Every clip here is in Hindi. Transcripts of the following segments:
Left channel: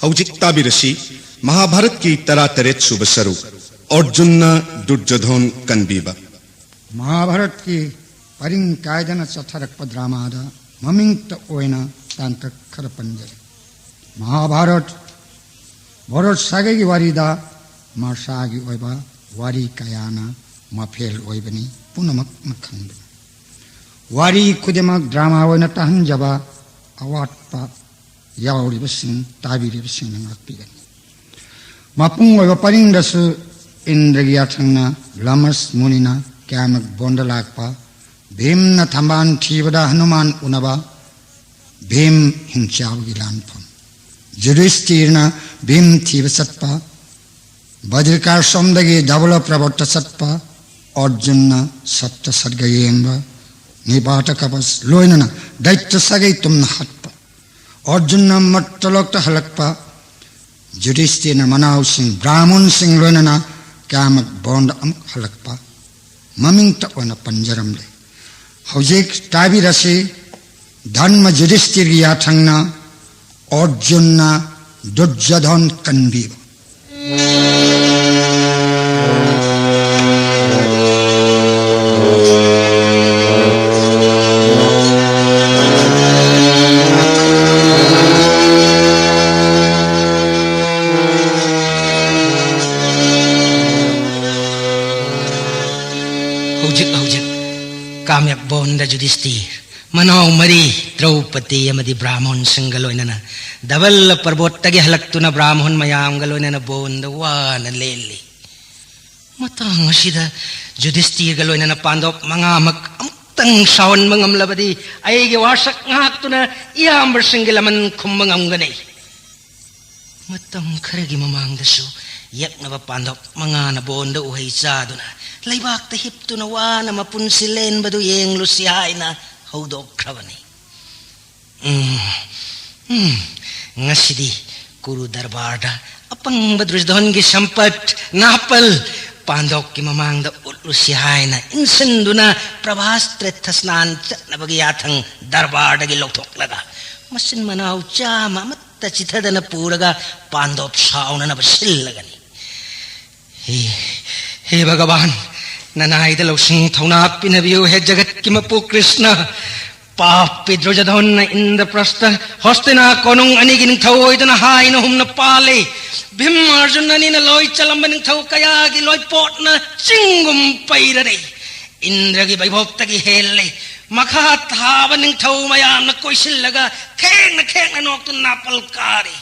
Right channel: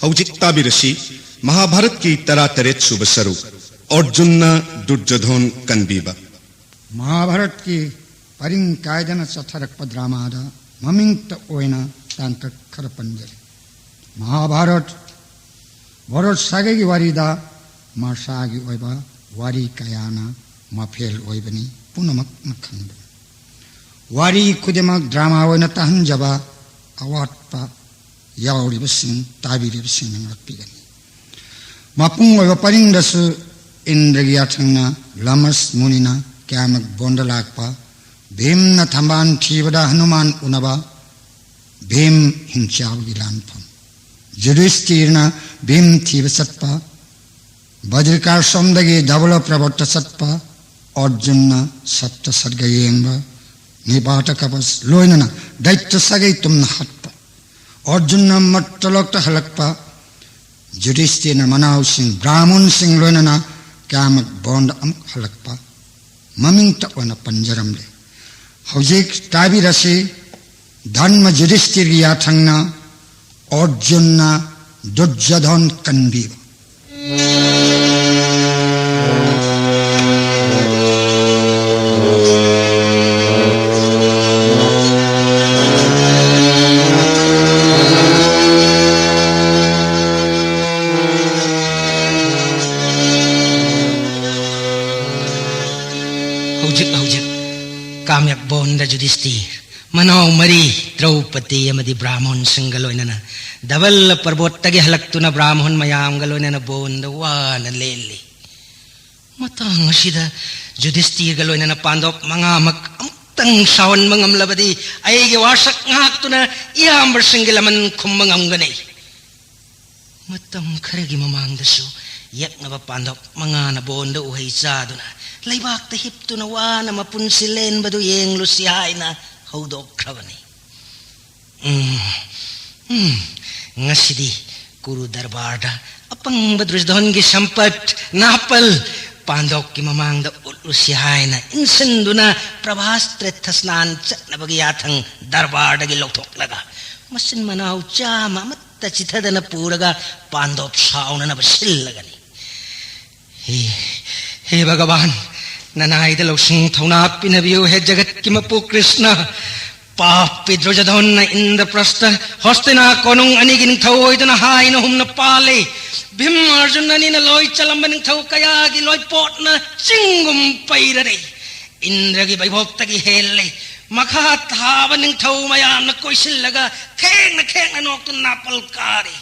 हौजिक ताबिरसी महाभारत की तरा तरेत सुब सरुक अर्जुनना दुर्योधन कनबीबा महाभारत की परिंग कायदन चथरक ड्रामादा ममिंग ओइना तांतक खर पंजर महाभारत भरत सागे की वारीदा मासागी ओइबा वारी कयाना मफेल ओइबनी पुनमक नखंद वारी खुदेमक ड्रामा ओइना तहंजबा अवाटपा यावरिबसिंग ताबिरिबसिंग नंगलपिगनी मपुंग ओइबा परिंगदसु इंद्रगी याथंगना लमस मुनिना क्यामक बोंडलाकपा भीमना थंबान थीबदा हनुमान उनबा भीम हिंचावगी लानफम युधिष्ठिरना भीम थीब सत्पा बद्रिकार सोमदगी डबल प्रवर्त सत्पा अर्जुनना सत्य सर्ग येंबा निपाट कपस लोइनना दैत्य सगै तुमना हत्पा अर्जुनना मट्टलोक्त हलकपा युधिष्ठिरना मनाव सिंह ब्राह्मण सिंह लोइनना क्यामक बोंड अमुक हलकपा ममिंग तक पंजरम ले हौजिक ताबिरसी धर्म युधिष्ठिर याथंगना अर्जुनना दुर्योधन कनबीबा काम्यक बोंड युधिष्ठिर मनाव मरी द्रौपदी अमदी ब्राह्मण सिंगलोइनना डबल पर्वतगी हलक्तुना ब्राह्मण मयामगलोइनना बोंड वान लेली मतंग असिदा युधिष्ठिर गलोइनना पांडव मंगामक अमुक्तंग सावन मंगमलबदी अयगे वासक ngakतुना इयाम्बर सिंगलमन खुमंगमगनै मतम खरगी ममांगदसु यक्नबा पांडव मंगाना बोंड उहै चादुना लैबाक हिप्तुना वाना मपुनसि लेनबदु येंगलुसि हाइना हौदोख्रबनी ngasidi kuru darbarda apangba दुर्योधनगी Sampat नापल पांडवकी ममांगदा उलुसि हाइना इंसन्दुना प्रभास्त्र स्नान चटनबगी याथंग दरबारदगी लौथोक्लगा मसिन मनाव चामा मत्ता चिथदना पूरगा पांडव साउनना बसिल्लगनी हे भगवान ननाइद लौसिंग थौना पिनबियो है जगत की मपु कृष्ण पापी दुर्योधन इंद्रप्रस्थ हस्तिना कोनुंग अनिगिन थौइदना हाइना हुमना पाले भीम अर्जुन निना लोय चलंबनिंग थौ कयागी लोय पोटना चिंगुम पैरदे इंद्रगी वैभवतगी हेल्ले मखा थाबनिंग थौ मयामना कोइसिल्लगा खेंगना नोक्तुना पलकारी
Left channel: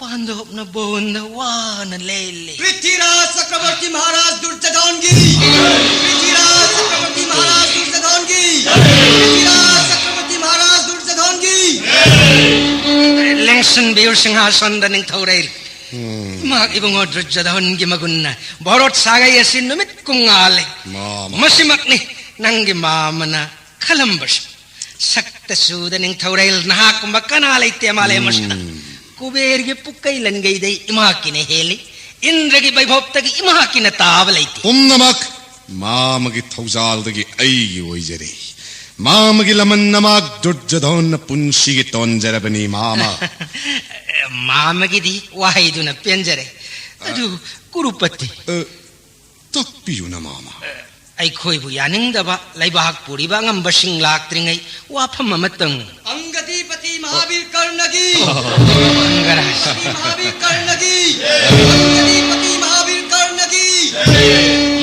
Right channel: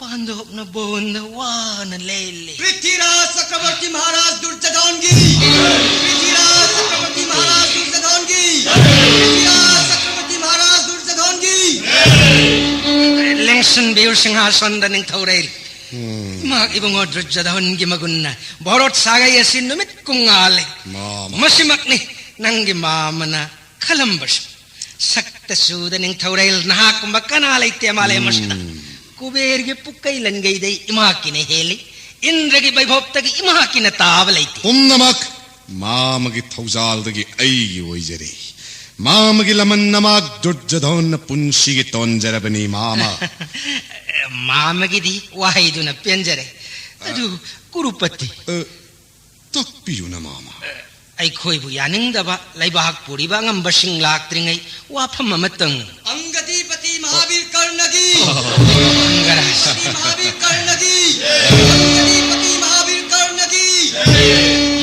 पांडवना बोंड वान लेले पृथ्वीराज चक्रवर्ती महाराज दुर्योधन जी पृथ्वीराज चक्रवर्ती महाराज दुर्योधन जी पृथ्वीराज चक्रवर्ती महाराज दुर्योधन जी लेंसन बेर सिंहासन दनिंग थौरे mak ibong दुर्योधन की मगुन्ना भरत सागै यसिन नुमित कुंगाले मसिमक नि नंगी मामना खलंबस सक्त सुदनिंग थौरे नहाकुंबा कना लेते माले मस्ता कुबेर के पुक्कई लन गई दे इमा की ने हेली इंद्र की वैभवतगी इमा की ने ताब लेती पुन्नमक मामगी थौजालदगी अयगी ओइजरे मामगी लमन नमक दुर्योधन पुंसी तोंजरबनी मामा मामगी दी वाहिदुना पेंजरे अदु कुरुपति तक्पियुना मामा ai khoi bu yaning da ba laibak puri ba ngam basing lak tringai wa pham amatang अंगदीपति Mahavir कर्णगी Mahavir कर्णगी अंगदीपति Mahavir कर्णगी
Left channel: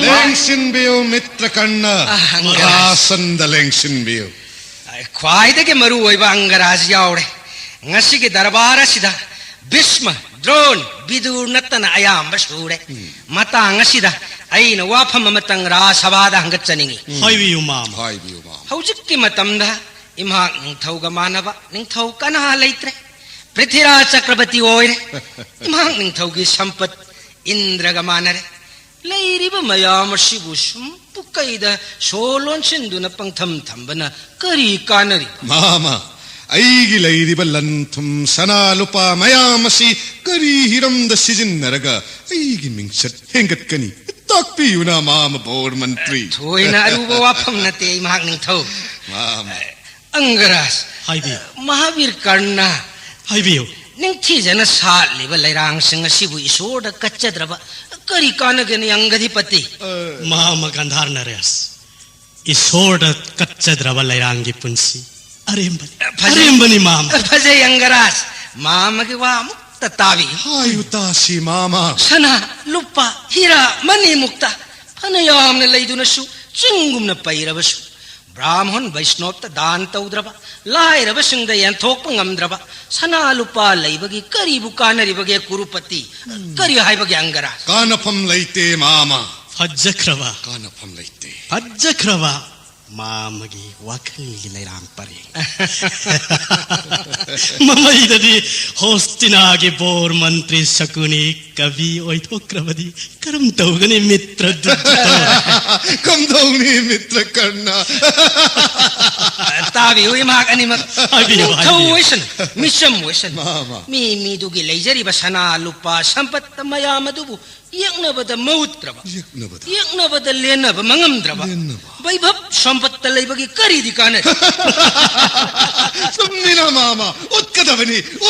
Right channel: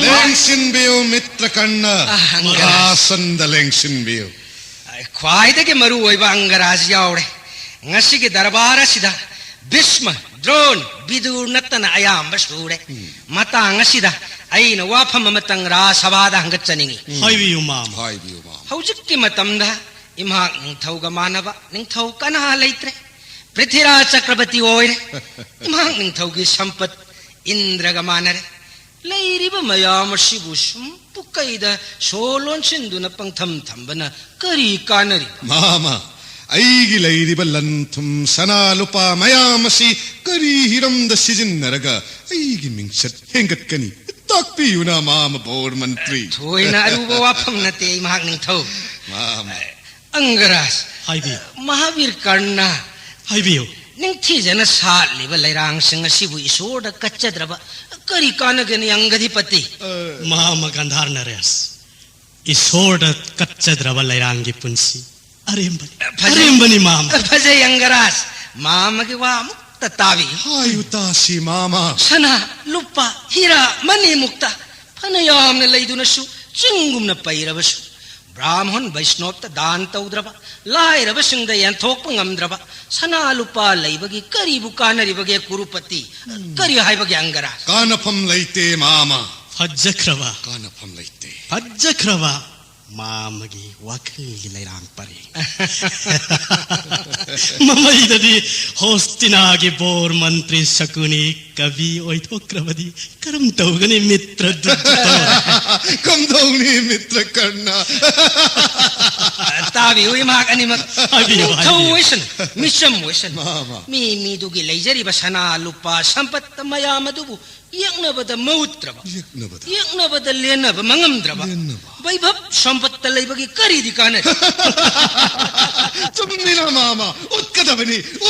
लेंसिन बियो मित्र कर्ण आसंद लेंसिन बियो ख्वाइदगे मरु ओइबा Angraj यावरे ngasi ge darbar asida Bhishma Drona Vidur नत्तना अयाम्ब सूरे Matang असिदा अइना वाफम Matang रासभादा हंगचनिंगी हाइबियु माम हौजिक्की मतमदा इमा निंथौगा मानबा निंथौ कना लैत्रे पृथ्वीराज चक्रवर्ती ओइरे इमा निंथौगी संपत इंद्रगा मानरे लैरिबा मयाम सिबुसुम पुकैदा सोलोन सिंदुना पंगथम थंबना करी कानरी मामा अयगी लैरिब लंथुम सना लुपा मयामसी करी हिरमद सिजिन्नरगा अयगी मिंगसत हेंगतकनी ताक्पियुना माम बोर मंत्री थोइना अरुबा वाफम नते महाग निंथौ माम अंगराज हाइबियो महावीर कर्णा हाइबियो ꯅꯤꯡꯊꯤꯖꯅ ꯁꯥꯠꯂꯤꯕ ꯂꯩꯔꯥꯡꯁꯤꯡ ꯑꯁꯤꯕꯨ ꯏꯁꯣꯔꯗ ꯀꯠꯆꯗ꯭ꯔꯕ ꯀꯔꯤ ꯀꯥꯟꯅꯒꯅꯤ ꯑꯪꯒꯙꯤꯄꯇꯤ? ꯃꯍꯥꯃ ꯒꯟꯙꯥꯔ ꯅꯔꯦꯁ ꯏꯁꯣꯔꯗ ꯀꯠꯆꯗ꯭ꯔꯕ ꯂꯩꯔꯥꯡꯒꯤ ꯄꯨꯟꯁꯤ ꯑꯔꯦꯝꯕꯅꯤ ꯃꯥꯃ. ꯐꯖꯩ ꯑꯪꯒꯔꯥꯖ, ꯃꯥꯃꯒꯤ ꯋꯥ ꯑꯃꯨꯛꯇ ꯇꯥꯕꯤ. ꯍꯥꯏꯌꯨ ꯇꯥꯁꯤ ꯃꯥꯃ. ꯁꯅꯥ ꯂꯨꯄꯥ ꯍꯤꯔꯥ ꯃꯅꯤꯃꯨꯛꯇ ꯐꯅ ꯌꯥꯝꯅ ꯂꯩꯗꯨꯅꯁꯨ ꯆꯤꯡꯒꯨꯝꯅ ꯄꯩꯔꯕꯁꯨ ꯕ꯭ꯔꯥꯍ꯭ꯃꯟ ꯕꯩꯁꯅꯣꯞꯇ ꯗꯥꯟ ꯇꯧꯗ꯭ꯔꯕ, ꯂꯥꯏꯔꯕꯁꯤꯡꯗ ꯌꯦꯟꯊꯣꯛꯄ ꯉꯝꯗ꯭ꯔꯕ ꯁꯅꯥ ꯂꯨꯄꯥ ꯂꯩꯕꯒꯤ ꯀꯔꯤꯕꯨ ꯀꯥꯟꯅꯔꯤꯕꯒꯦ ꯀꯨꯔꯨꯄꯇꯤ? ꯀꯔꯤ ꯍꯥꯏꯕꯒꯦ ꯑꯪꯒꯔꯥꯖ? ꯀꯥꯟꯅꯐꯝ ꯂꯩꯇꯦ ꯃꯥꯃ. ꯐꯖꯈ꯭ꯔꯕ ꯀꯥꯟꯅꯐꯝ ꯂꯩꯇꯦ. ꯐꯖꯈ꯭ꯔꯕ ꯃꯥꯃꯒꯤ ꯋꯥꯈꯜꯒꯤ ꯂꯩꯔꯥꯡ ꯄꯔꯦꯡ. ꯃꯃꯩꯗꯗꯤ ꯍꯣꯁꯇꯤꯅꯥꯒꯤ ꯕꯣꯔ ꯃꯟꯇ꯭ꯔꯤ ꯁꯀꯨꯅꯤ ꯀꯕꯤ ꯑꯣꯏꯊꯣꯛꯈ꯭ꯔꯕꯗꯤ ꯀꯔꯝ ꯇꯧꯒꯅꯤ ꯃꯤꯇ꯭ꯔ ꯗꯨꯠꯇ? ꯀꯝꯗꯧꯅꯤ ꯃꯤꯇ꯭ꯔ ꯀꯔꯅ? ꯇꯥꯕꯤꯌꯨ ꯏꯃꯥꯛ ꯑꯅꯤꯃꯛ. ꯍꯥꯏꯕꯤꯌꯨ, ꯅꯤꯡꯊꯧ ꯍꯥꯏꯕꯤꯌꯨ. ꯑꯣꯏꯁꯅꯨ, ꯃꯤꯁꯝ ꯑꯣꯏꯁꯅꯨ, ꯃꯥꯃ. ꯃꯤꯗꯨꯒꯤ ꯂꯩꯖꯔꯤꯕ ꯁꯅꯥ ꯂꯨꯄꯥ ꯁꯝꯄꯠꯇ ꯃꯌꯥꯝ ꯑꯗꯨꯕꯨ ꯌꯦꯛꯅꯕꯗ ꯃꯧꯠꯇ꯭ꯔꯕ, ꯌꯦꯛꯅꯕꯗ ꯂꯦꯟꯅꯕ ꯃꯉꯝꯗ꯭ꯔꯕ ꯕꯩꯚꯞ ꯁꯝꯄꯠꯇ ꯂꯩꯕꯒꯤ ꯀꯔꯤꯗꯤ ꯀꯥꯟꯅꯩ? ꯆꯨꯝꯃꯤꯅ ꯃꯥꯃ.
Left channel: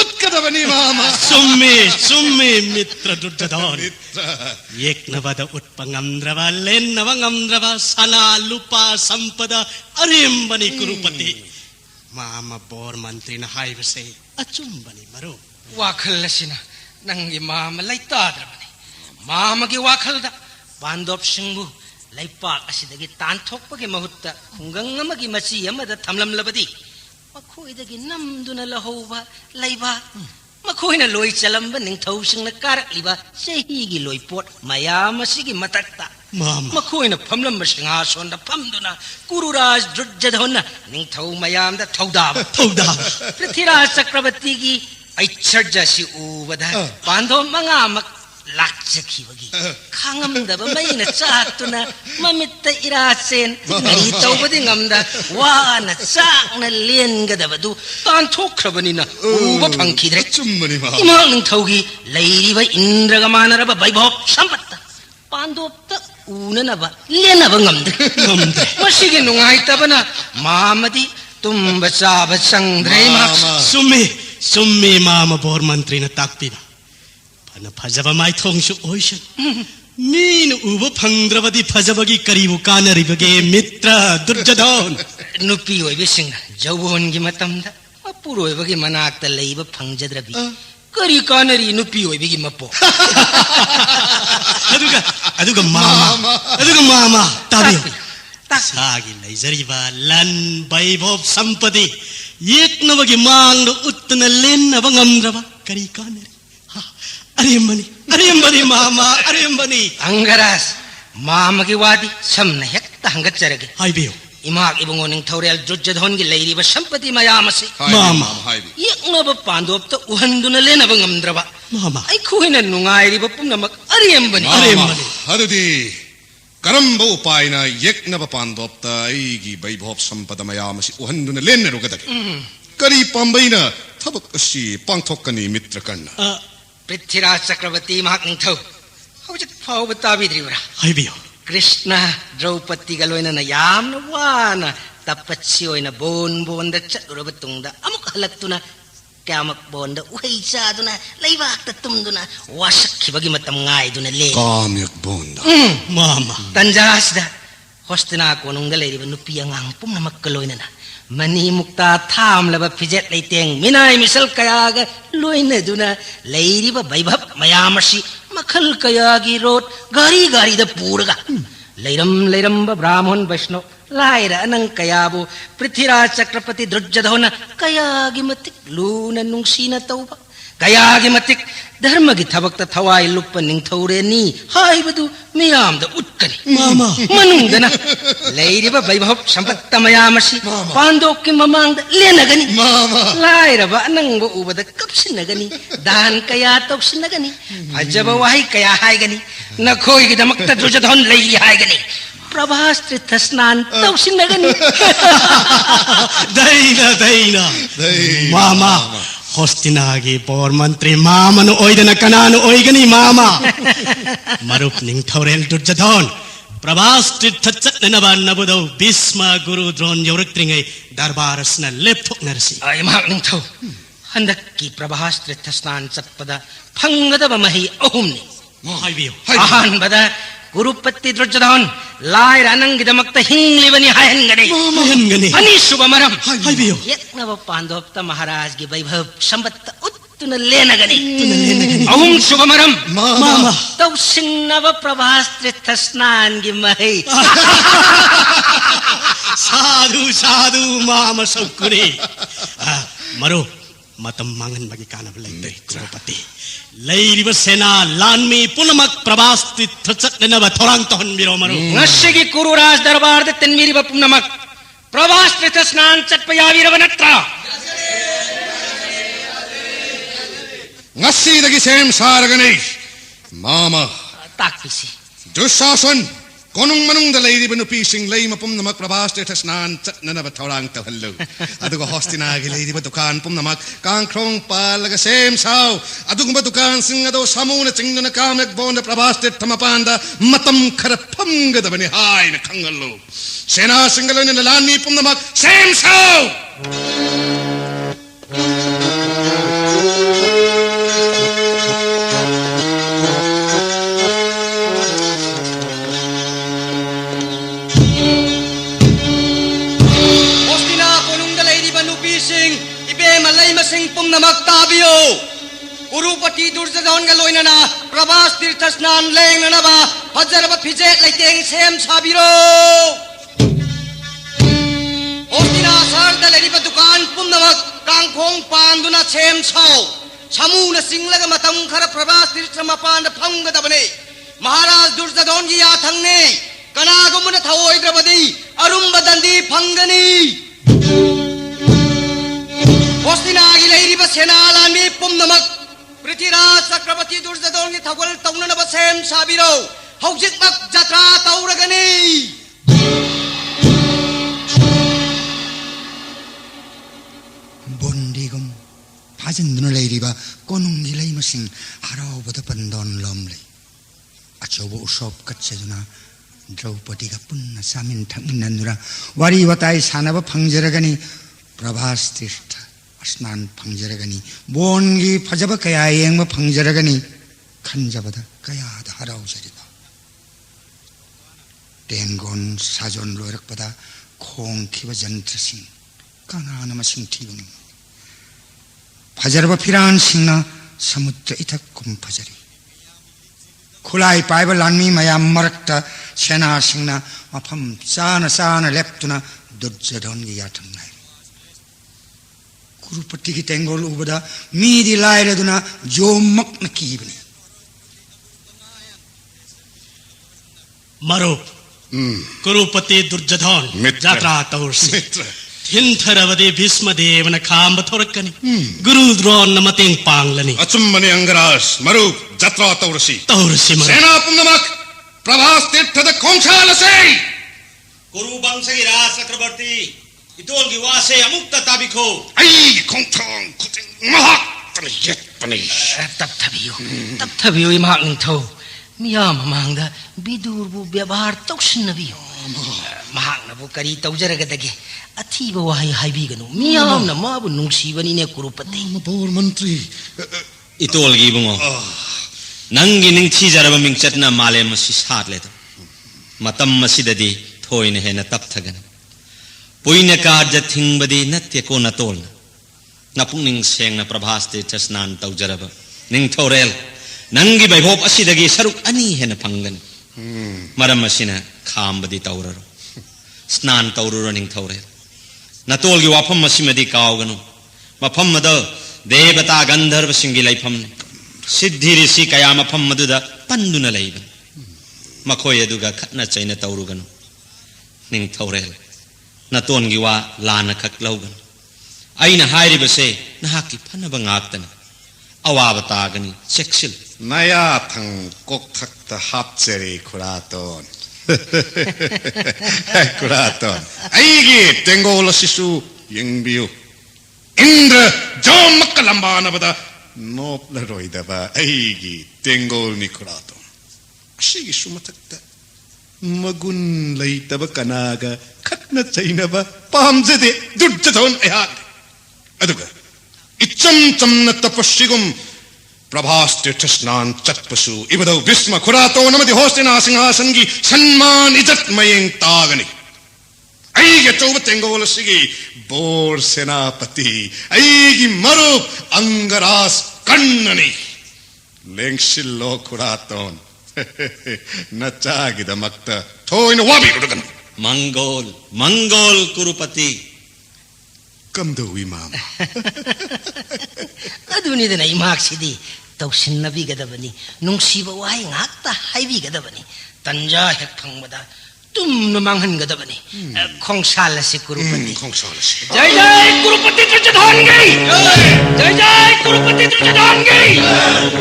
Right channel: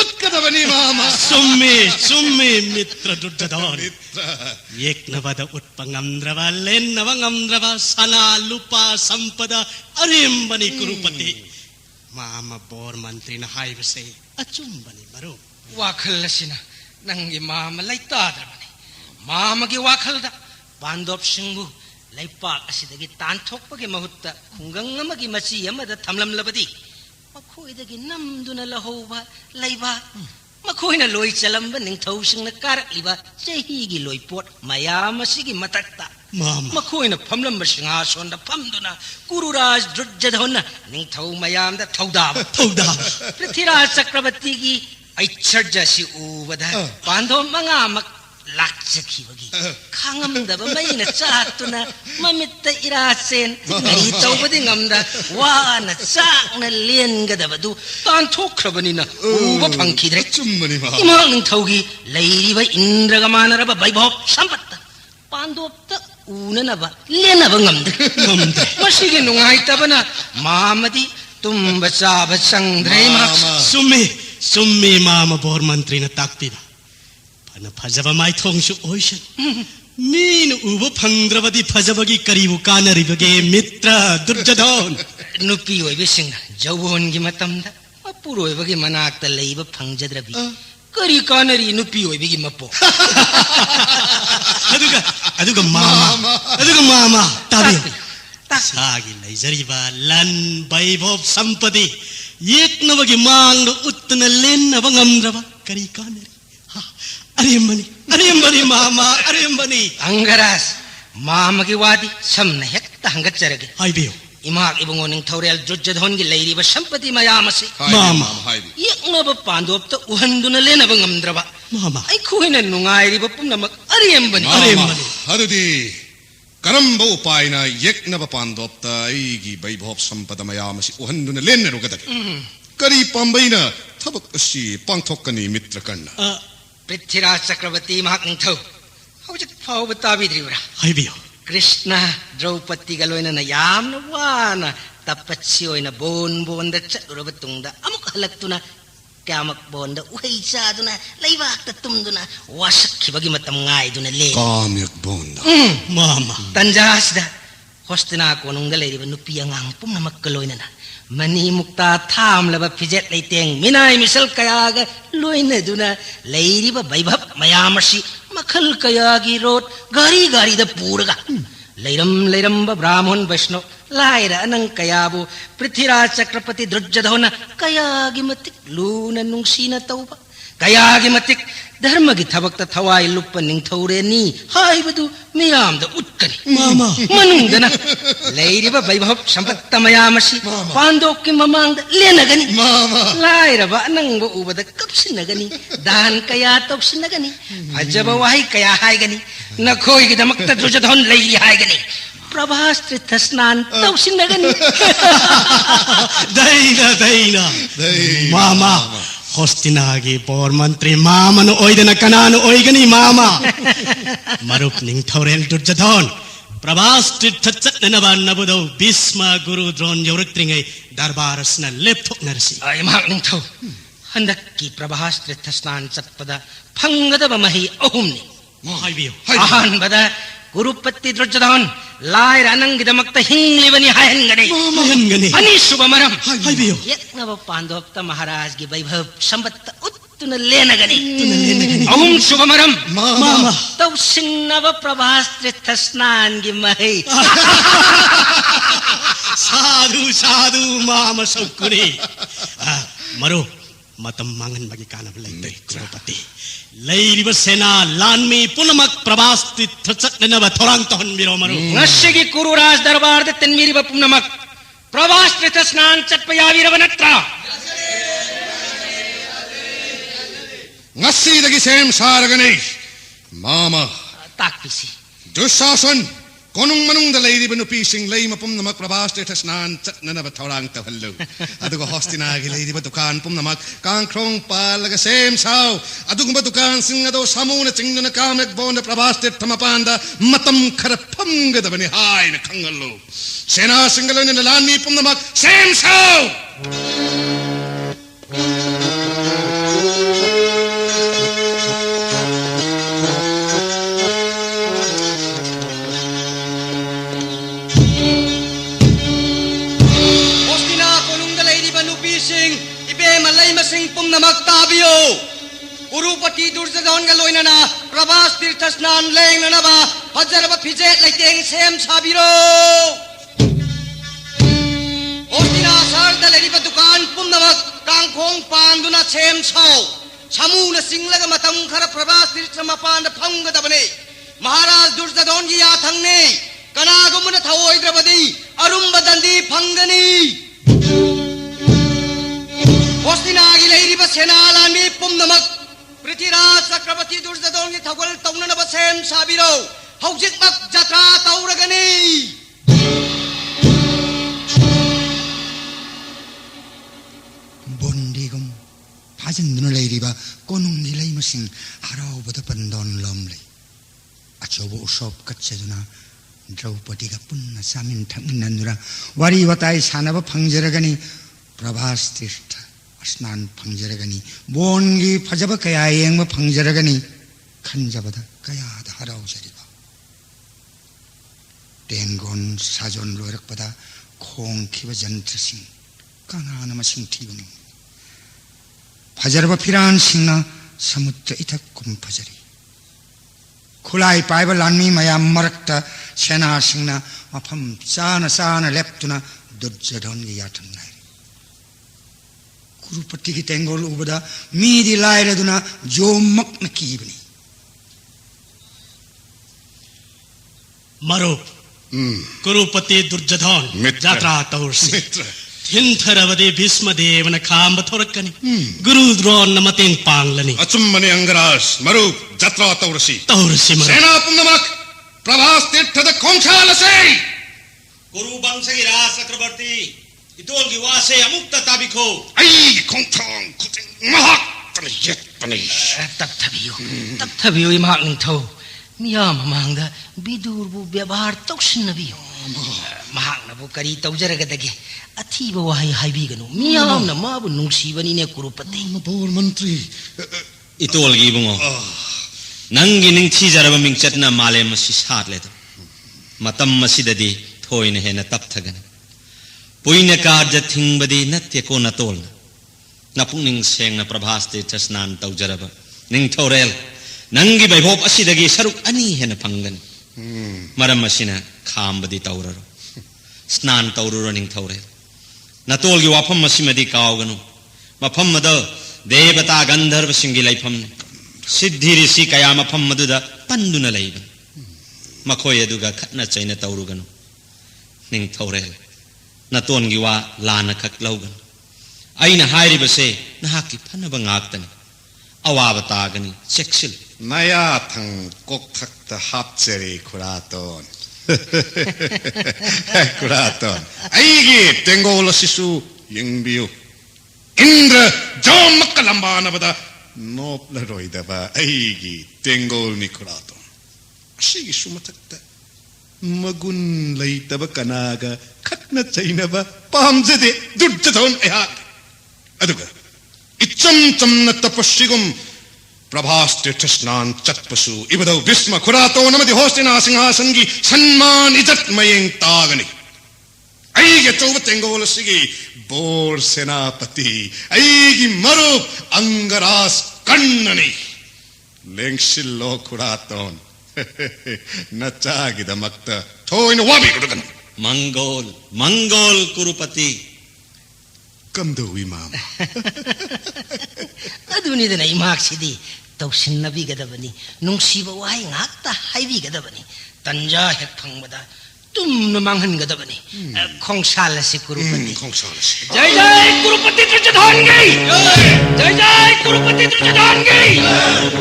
ಉತ್ಕದವನಿ ಮಾಮ. ಸುಮ್ಮಿ ಮಿತ್ರ ದುರ್ಜಧನ್. ಯೇಕ್ನವದ ಉತ್ಪ ನಮ್ದ್ರವ ಲೆನ್ನವ ನಮ್ದ್ರವ ಸನ ಲುಪ ಸಂಪದ ಅರೆಂಬನಿ ಕುರುಪತಿ. ಮಾಮ ಬೋರ್ ಮಂತ್ರಿನ ಹಾಯ್ಬಸೆ ಅಚುಂಬನಿ ಮರು. ವಾಖಲ್ ಅಸಿನ ನಂಗೆ ಮಾಮ ಲೈತಾದ್ರಬನಿ. ಮಾಮಗೆ ವಾಖಲ್ದ ಪಾಂಡೋಪ್ ಸಿಂಗು ಲೈಪಾಕ್ ಅಸಿದಗಿ ತಾಂಥೋಕ್ಪಗೆ ಮಹುತ್ತ ಖುಂಗಂಗ್ ಅಮಗಿ ಮಸಿ ಅಮದ ಥಮ್ಲಂಲಬದಿ ಮಖೋಯ್ದಗಿ ನಮ್ದುನ ಲಹೌವ ಲೈಬ ಮಖೋಯ್ನ ಲೋಯ್ ಚಲಂಬ ನಿಂಥೌಸಿಂಗ್ನ ಕಾರಕ್ಲಿಬ ಚಹಿಗಿ ಲೋಯ್ ಪೋಟ್ ಮಯಾಮಸಿಗಿ ಮತಕ್ತ ಮಖೋಯ್ನ ಫಮ್ಲಂಬ ಸಿಂಹಾಸನದ ಫಮ್ದುನ ಕುರುರಾಜ್ ದುರ್ಜಧನ ನಿಂಥೌ ಮಯಾಂದ ಥೌದಾಬ ಪೃಥ್ವಿರಾಜ ಚಕ್ರವರ್ತಿಗಿ ಐಚ್ಛರ್ಜಸಿ ಊವದ ಪಾಂಡವ ಮಂಗಾಮಕ್ ಲಾಕ್ಚಖಿವಗಿ ಖಾಂಗಂದಬ ಮೈನ ಚಾಕ್ತುನ ಮಮಿತ್ತ ಇರಾಸೆನ್ ನರಿ ತೌಬದಿ ನಮ್ದ ವಾನ ಚಾಕ್ನ ಲೇನ್ಗದಬದು ತಾನ್ ಥೋಖ್ರಬನಿನ ಊವ ಫಂಕಿದ್ರೆ ಚುಮ್ಮನಿ ಮಾ ಇಮಾಲ್ ನಿಂಥೌಗಿ ಲೈರಿವ ಇಂದ್ರಗಮಾನರಬ ವೈಭವ ಸಂಪತ್ತ ಪಾಂಡೋಪ್ತ ಊನನಬ ಲೇನಬ ngамದ್ರೆ ಮಸಿಗೆ ನುಂಗಾಯ್ತಬನ ಮಾಮದಿ ತುಂಬ ಚಾಬ ಸಂಗ್ರೈ ಮಾ ಸುಮ್ಮಿ ಮಾಮ ಬೋರ್ ಮಂತ್ರಿನ ತಾಕ್ತಿದ ಫಜಬ ಮಾಯ್ಥೋಂಗ್ಸು ಓಯ್ಷನ್ ನೀನು ಉವ ಫಂಗ್ರವದಿ ಫಜಬಗಿ ಕರಿವು ಕಾನರಿಬಗೆ ಮಿತ್ರ ದುರ್ಜಧನ್. ನುಪಿ ಒಯ್ಬಿಸಿಂಗ ಜೌವನ್ಗಿ ಮತಂದ ಅಪ್ಪುರೋಯ್ಬಗಿ ಮನಾಕ್ತ ಲೈಬ ಫಂಗ್ಜದ್ರಬಿ ಕರಿ ಕಾನರಿ ನುಪಿ ಒಯ್ಬಿಗಿ ಮಪ್ಪೋ. ಅದುಗ ಮಾಮ ತಾಬಿಯೋ ಸಾಗಿ ಲೈಜರಿಬ ಲನ್ ವೈಭವ ಸಂಪದಿ ಏಕ್ನವಗಿ ಮಾಂಗ ಉತ್ತನ ಲೆನ್ನವ ngамದ್ರವ ಕರಿ ಕಾನರಿ ಅರೆಂಬನಿ ಮಾಮ ಅರೆಂಬನಿ. ಅಂಗರಾಸ್ ಮಾಮಗೆ ವಾದಿ ಸಮನ ಹೆಕ್ತ ಹಂಗಚ್ಚರಗೆ ಹಾಯ್ಬಿಯೋ ಇಮಾಕ್ ಇಬಂಗೋ ನಿಂಥೌರೆಲ್ ದುರ್ಜಧನ್ಗಿ ಲೈರಿಬ ಸಂಪತಿ ಮಯಾಮಸಿ ಮಾಮ ಯೇಕ್ನಬ ಪಾಂಡೋಪ್ತ ಉಹಂದುನ ಲೇನಬ ngамದ್ರವ ಮಾಮ ಐಖುಹಿನ ನುಂಗಾಯ್ರಿಬ ಪುನಮಕ್ ಅರೆಂಬನಿ. ಅದುದಿ ಕರಂಬ ಉಪಾಯನ ಯಜ್ಞಬ ಪಾಂಡೋಪ್ತ ಐಗಿ ವೈಭವ ಸಂಪದ ಮಯಾಮಸಿ ಉಹಂದುನ ಲೇನ್ನರುಗದಗೆ ಕರಿ ಪಾಂಬೈನ ಥಬಕ್ ಅಸಿ ಪಾಂಥೋಕ್ಕನಿ ಮಿತ್ರ ಕಣ್ಣ. ಪೃಥ್ವಿರಾಜ ಚಕ್ರವರ್ತಿ ಮಹಾಕ್ ನಿಂಥೌ ಹೌಜಕ್ ಫಾವ್ ತಾವಿದ್ರಿವರ ಹಾಯ್ಬಿಯೋ ಕೃಷ್ಣ ದ್ರೌಪದಿಗ ಲೋಯ್ನನ ಯಾಮ್ನ ವಾನ ತಪ್ಪಚ್ಚಿ ಒಯ್ನ ಬೋನ್ದ ಚಲುರಬ ತುಂಗದ ಅಮುಕ್ ಹಲಕ್ತುನ ಕ್ಯಾಮಕ್ ಬೋನ್ದ ಉಹೈ ಚಾದುನ ಲೈವಾಕ್ತ ತುಂದುನ ವಾಶಕ್ಕಿಬಗಿ ಮತ್ತಂ ಗಾಯ್ದುನ ಲೇ ಕಾಮ್ಯಕ್ ಬೋಂದ ಮಾಮ ತಂಜಾಸ್ದ ಹೊಸ್ತಿನಾ ಕೋನುಂಗ ಲೈರಿಬ ನುಪಿಯ ngang pumna makkaloynana mani mukta thamlaba fijet leiteng minai misal kayaga loinaduna leiriba vaibhab mayamasi makhal kayagi rot gari da puraga leiram ba brahman vaishno laira anang kayabu prithviraj chakrapati drujjadhona kayagi matik luna nungsina tauba kayagi matik ಧರ್ಮಗಿ ಥಬಕ್ತ ಥವಾಯಿ ಲುಪ್ಪ ನಿಂಥೌರೆ ನೀ ಹಾಯ್ಬದು ಮಿಯಾಮ್ದ ಉತ್ಕನಿ ಮಾಮ ಮನುಂದನ ಲೈರಿಬ ವೈಭವ ಸಂಪತ್ತ ಮಯಾಮಸಿ ಪಾಂಡೋಕ್ಕಿ ಮಮಾಂದ ಲೇನಗನಿ ಲಾಯ್ರಬ ನಂಗ ಉಬದ ಕಪ್ಸಿನಗನಿ ದಾನ್ ಕಯಾ ತೌಸಿನಗನಿ ಅಜಬ ವಾಹಿ ಕಯಾ ಹಾಯ್ಗನಿ ನಖೋಯ್ಗಿ ದಮಕ್ತ ದುರ್ಜಧನ್ ಲೈರಿ ಹಾಯ್ಗನಿ ಪ್ರಭಾಸ್ತ್ರಿ ತಸ್ನಾನ್ ತೌಸಿನಗನಿ. ದೈನ ಮಾಮ ಹೊಸ್ತಿನಾಗಿ ಬೋರ್ ಮಂತ್ರಿ ಮಾಮನು ಒಯ್ದನ ಕನಾನು ಒಯ್ಗನಿ ಮಾಮ ಮರುಪ್ ನಿಂಥೌರೆಲ್ ದುರ್ಜಧನ್ ಪ್ರಭಾಸ್ತ್ರಿ ಥಚ್ಚನಬ ನಬುದೌ ಭೀಷ್ಮ ಗುರು ದ್ರೋಣ್ ಯೌರಕ್ತ್ರಿಂಗೈ ದರ್ಬಾರಸ್ನ ಲೆಪ್ಥೋಕ್ ನರಸಿ ಐಮಾ ನಿಂಥೌ हंदक्की प्रभास तीर्थ स्नान चटपदा फंगदब मही अहुमनी हाइबियो अहानबदा गुरुपति दुर्योधन लायर अनंगिदमक्ता हिंगलिबनी हायनगने हायनगने अनिशुभ मरम हाइबियो यज्ञव पांडवप्ता महाराज की वैभव संपत्त उत्तुन लेनगने अहुम शुभ मरम मामा तौ सिंगनव प्रभास तीर्थ स्नान की मही साधु साधु मामा सौकुरे मरो मतम मांगन बगी कानब लैते कुरुपति लैरिब सेना लानमी पुनमक प्रवास तीर्थ चटनब थोरांग तहन बिरो मरो ngashigi kuru raj darbar de tenmiri bapumnamak प्रवास तीर्थ स्नान चटपयावीरव नत्रा Ngasidagi sem saragani. Mama. takpisi Dusasan. Konung manung da lady benupi sing lay mapum namak prabhas tirthas nan chat nanaba thaurang tawhallo. Aduga hostinagi lady batukan pum namak kang krong palaga sem sao. Aduga batukan sing ado samuna chingna kamek bonda prabhas tirthamapanda matam kharapanga da bani hai na kangallo. Sena singalon na lani pum namak sem sao. Tabiyo Urupati Durzadon Galoinana Prabhas Tirtha Snan Lenganaba Hajaraba Pijek Laiteng Sem Sabiro Ostina Sarda Ledipa Dukan Pumnamak Kangkong Panduna Sem Sao Samuna Singlaga Matam Kara Prabhas Tirtha Mapanda Panga Dabane Maharaj Durzadon Gi Athangne Kanagumuna Thawoi Drabadi Arumba Dandi Pangani Hostina ilay ba senalani pumnamak Prithviraj Chakrabarti Durzadon ki thagol taunana ba sem sabiro haujik mak jatra tauragani bondigum phajinduna leiriba konung ilay masing harauba pandon lomle achobo usop kachajuna Draupadi ka punna samin thaminandura wari watai sanaba phangjaragani Prabhas Tirtha स्नान फंगजरगनी बोनगी फजब कया येंग फंगजरगनी खंजबद कया हराउजरिबा टेंगोन साजोन लोरकपदा खोंखिब जंत्रसिं कांगान मसिं थिबनि फजरब फिरान सिंना समुद्र इथक कुम फजरी खुलाई पाइब लानमी मया मरक्ता सेना सिंना मफम चाना चाना लेप्तुना दुर्योधन गी याथंग Kurupati ki tengol ubada midi laire duna jomak nakibni मरो कुरुपति दुर्योधन जात्रा तौरसी हिंथरवदे भीष्म देवन खांब थोरकनी गुरु द्रोण नमतें पांगलनी अचुम्मनि अंगराज मरु जात्रा तौरसी मरो सेना पुंगमक प्रभास तीर्थ द खोंछालसे गुरु वंशगी राज चक्रवर्ती इतोल की वासे अमुक्त ताबिखो आई खोंथांग खुटिंग महा तने यत तने तत्थबियो इमाक निथौ मियाम मांगदा बिदुरबु व्यवहार तौसिनबियो महाकनबु करी तौजरगदगे अथीब वाही हाइबिगनु मियाम न माबु नुंसीबनिने कुरुपति बोर मंत्री इतोलगी बुंगो नंगी निंगथीजरब मिंगचतना मालेम मसी सातलेद मतम मसीददी थोइने हेन तपथगन पुइने कार्य थिंगबदी नत्य को नतोल नपुंनिंग सेंगना प्रभास्ते चस्नान तौजरब निंगथोरेल नंगी वैभव असिदगी सरुक अनि हेन फंगन मरम मसिना खामबदी तौररो स्नान तौररो निंगथोरेल नतोलगी वाफम मसिमदी कावगनु मफम मद देवता गंधर्व सिंगी लैफम सिद्धि ऋषि कया मफम मदुदा पंदुना लैब मखोय अदुगा खतना चैना तौरुगनु निंगथोरेल नतोनगी वा लाना खक लौगन अइना हाइरिबसे नहाकी फनब ngaktana awaba taagani cheksil नया थंग कोकथक्त हापचेरी खुरातोन खुरातोन आइगी तेंगोल शिशु यंगबियो इंद्र जोमक लंबानबदा नोपल रोइदबा आइगी तेंगोल नि खुरातोन शिगी सुमथक्त मगुन लैतब कनागा खतना चैनबा पामजदे दुर्जधन अया अदुगा इचम चमन तपस्विगुम प्रभास तीर्थ स्नान चटपसु इबदौ भीष्म खुरातो नमदि होस्तेना सिंहासन की सम्मान इज्जत मयें तागनि ऐगे चौब तेंगोल सिगी बोर सेनापति ऐगी मरु अंगरास कन्ननि लेंगसिल्लो खुरातोन नचागिदमक्त थोइन वाबि उडगन मंगोल कुरुपति कमदो इमाम अदुनिदना इमाक्सिदी तौसिन्नबिगदबनी नुंसीब वाई ngakta हाइबिगदबनी तंजा हेक फंगबदा तुमन मांगहनगदबनी खोंसाल से कुरुपति खोंसाल से जय जय कुरुपति त्रिजधानगी जय जय कुरुपति त्रिजधानगी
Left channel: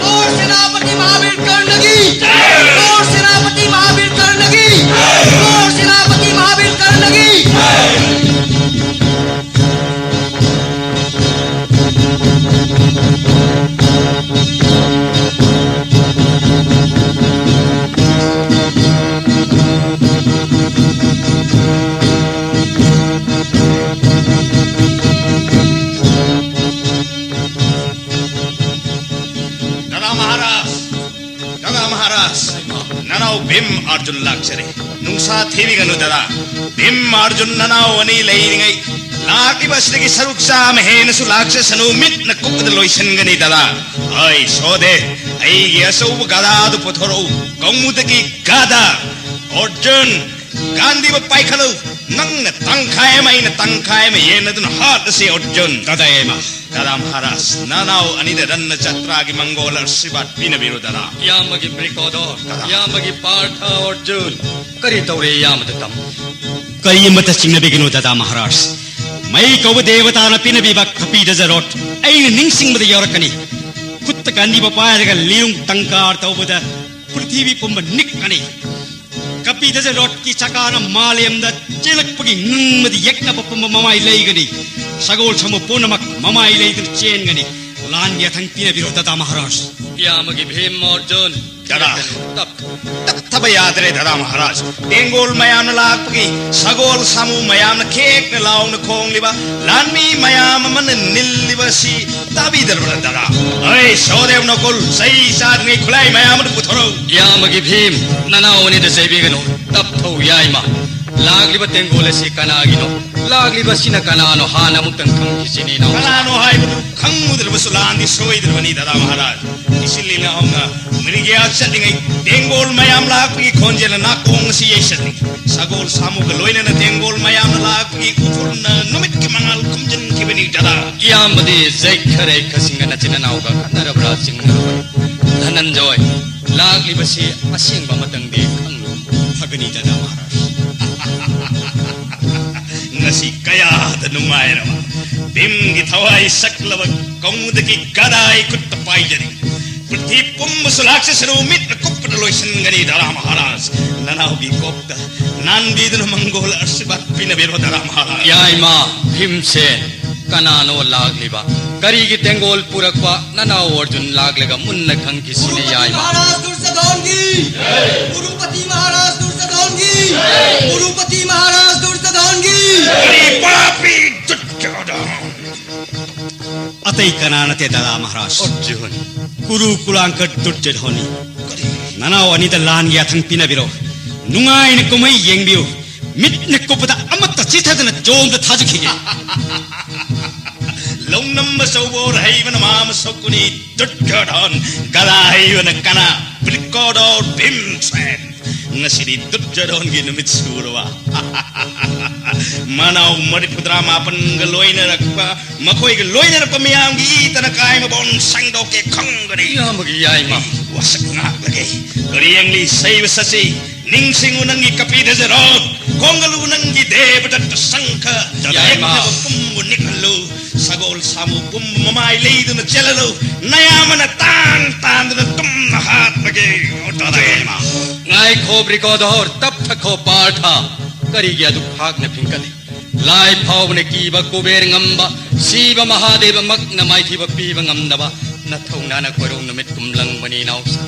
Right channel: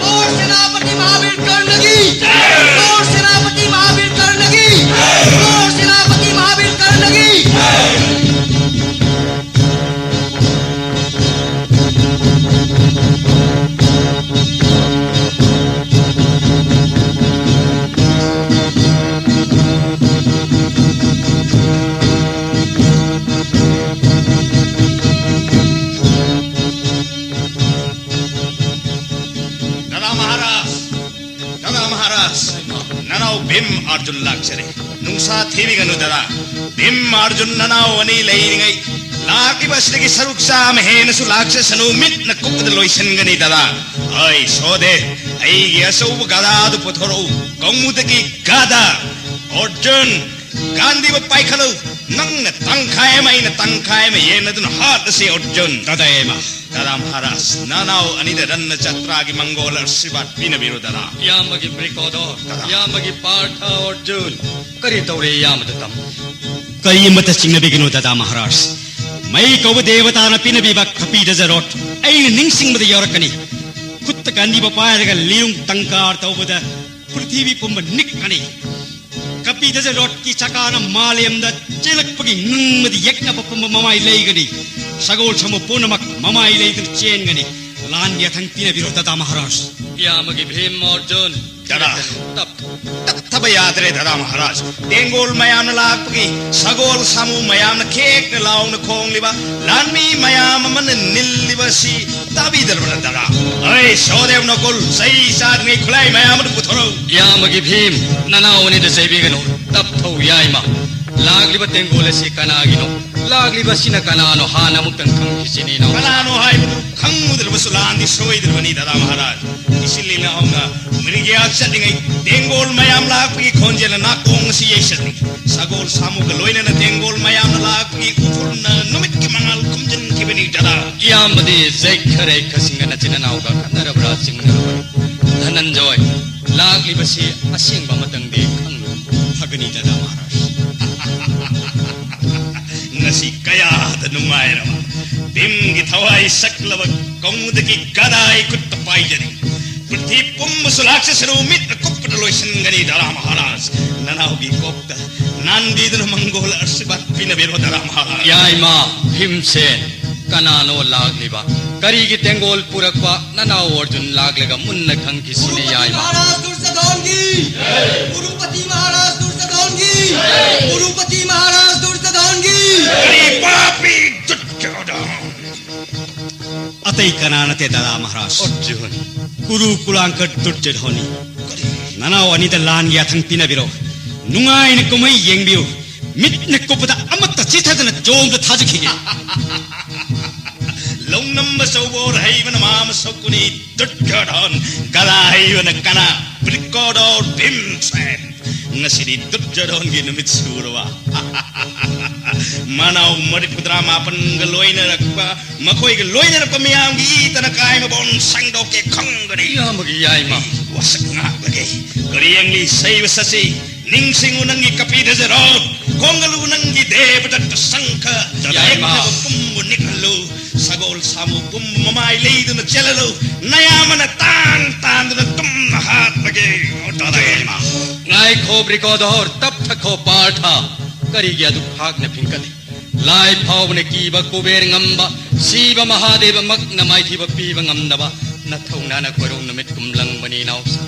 और सेनापति महावीर कर्णगी और सेनापति महावीर कर्णगी और सेनापति महावीर कर्णगी भीम अर्जुन लाक्सरे नुंसा थेवी गनु दरा भीम अर्जुन ननाव अनि लेइङै लाति बस्नेकी सरुक साम हेनसु लाक्स सनु मिट न कुपद लोइसन गनी दरा ऐ सोदे ऐ यसौ गदादु पथरो गौमुदकी गादा अर्जुन गांधी ब पाइखलो नंग तंखाय में ये नदुन हाथ से अर्जुन ददायमा दरा महाराज नानाव अनिद रन्न चत्रागी मंगोल आशीर्वाद पिन बिरो दरा यामगी ब्रिकोदो यामगी पार्थ अर्जुन करी तौरे यामदतम कई मत सिंह बिगिनो ददा महाराज मई कौब देवता न पिन बिबा खपी दजरोट ऐ निंसिंग बद यौरकनी कुत्त गांधी ब पायरग लियुंग तंकार तौबद पृथ्वी पुंब निकनी कपी दजरोट की चकान मालेम द चिलकपगी नुंगमदि यक्न पपम ममाई लेगनी सगोल समो पूर्णमक ममाई लेदि चेनगनी लान यथंग पिन बिरो ददा महाराज यामगी भीम अर्जुन दरा तब याद रे दरा महाराज तेंगोल मयाम लापगी सगोल सामू मयाम खेक न लाउन खोंगलिबा लानमी मयाम मन निल्लिबसी तबी दरबरा दरा ऐ सोदेव नकुल सही साथ में खुलाई मयाम पुथरो यामगी भीम ननावनि द सेबिगनो तब थौ याइमा लागलिबा तेंगोल से कनागिनो लागलिबा सिना कनानो हाना मुक्तन खंगिसिनी नो कनानो हाय खंगुदरबसु लांदी सोइदरबनी दरा महाराज इसलिए ना होगा मिलिया सदिंगै तेंगोल मयाम लापगी खोंजेल ना कोंगसी येसत सगोल सामुग लोइने न तेंगोल मयाम लापगी उथुरन नुमित मंगल कुमजन किबनी दरा यामदी जैखरे खसिंगन चिननाउगा नरबरा सिंगन धनंजय लागलिबा से असिंबा मतंगे खंगु फगनी दरा महाराज ngasi kaya da numairama dimgi thawai saklaba kaumudaki gadai kuttapai jari prithvi pumsulaksa sarumit kuppata loisan gani dara maharaj nanaudi kopta nandi dun mangol arsibat pina bero dara maharaj Yaima Bhimsen कनानो लागलिबा करीगी तेंगोल पुरकवा ननाव Arjun लागलेगा मुन्न खंगी सिने याइमा महाराज दुर्योधन की गुरुपति महाराज दुर्योधन की गुरुपति महाराज दुर्योधन की bada pri dutyodha अतै कनानते ददा महाराज अर्जुन कुरु कुलांक दुर्योधनी ननाव अनिद लान याथन पिन बिरो नुंगाइन कुमै येंबियो मिटने कुपदा अमत चिथदन Jong थाजिखिनि longnam sobor hayvan mam sokuni dutyodhan galaivan kana pilkodo dimsen ngasiri dutyodhan gi numit surwa manau mari putra mapan galoina rakba makoi galoina rakba miyam gi tana kai ma bon sangdo ke khangani यामगी Yaima wasakna bagi riyang ni saiva sasi ningsing unangi kapida zero kongalu unangi devadat sangka Yaima kumbunikalo sagol samu kum mamai leidun chelalo nayamana tan dun tum hat bagi otadaima ngai khobri ko dor tap thakho partha करी गया दुखाग ने फिंकल लाई भाव ने कीब कुबेर ngamba शिव महादेव मग्न माइथी पीब ngमनबा नथौना न कोरों नमित कुमलंग बनी नाउसा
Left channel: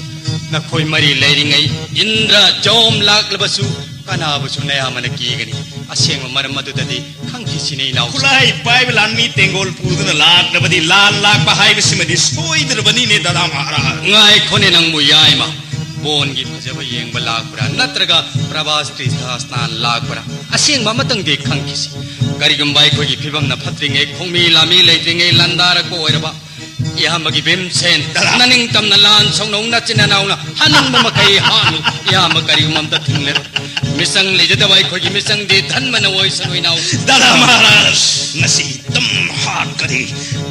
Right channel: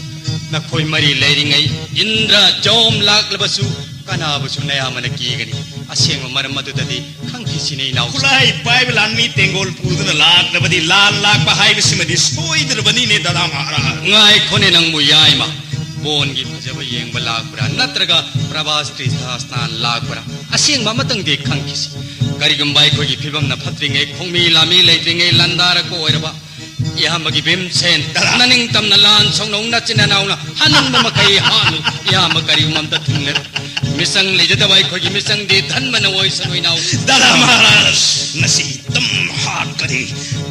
नखोई मरी लेरिंगै इंद्र जोम लागलबसु कनाबसु नया मन कीगनी असेंग मरम मदुददी खंखिसिने नाउ खुलाई पाइब लानी तेंगोल पूदन लाख नबदी लाल लाख बहाई बिस्मदी सोइदर बनी ने दादा महाराज ngai khone nang mu yai ma bon gi phajaba yengba lakbra natraga prabhas tirthasnan lakbra aseng ma matang de khangkisi karigum bai khoi gi phibam na phatringe khongmi lami leitringe landara ko oiraba yamagi bem sen naning tam na lan songnong na chinanaw na hanang ma makai hanu yam karigum ta thungle misang lejada bai khoi gi misang de dhan man oi sanoi naw दादा महाराज नसी तम हाथ करी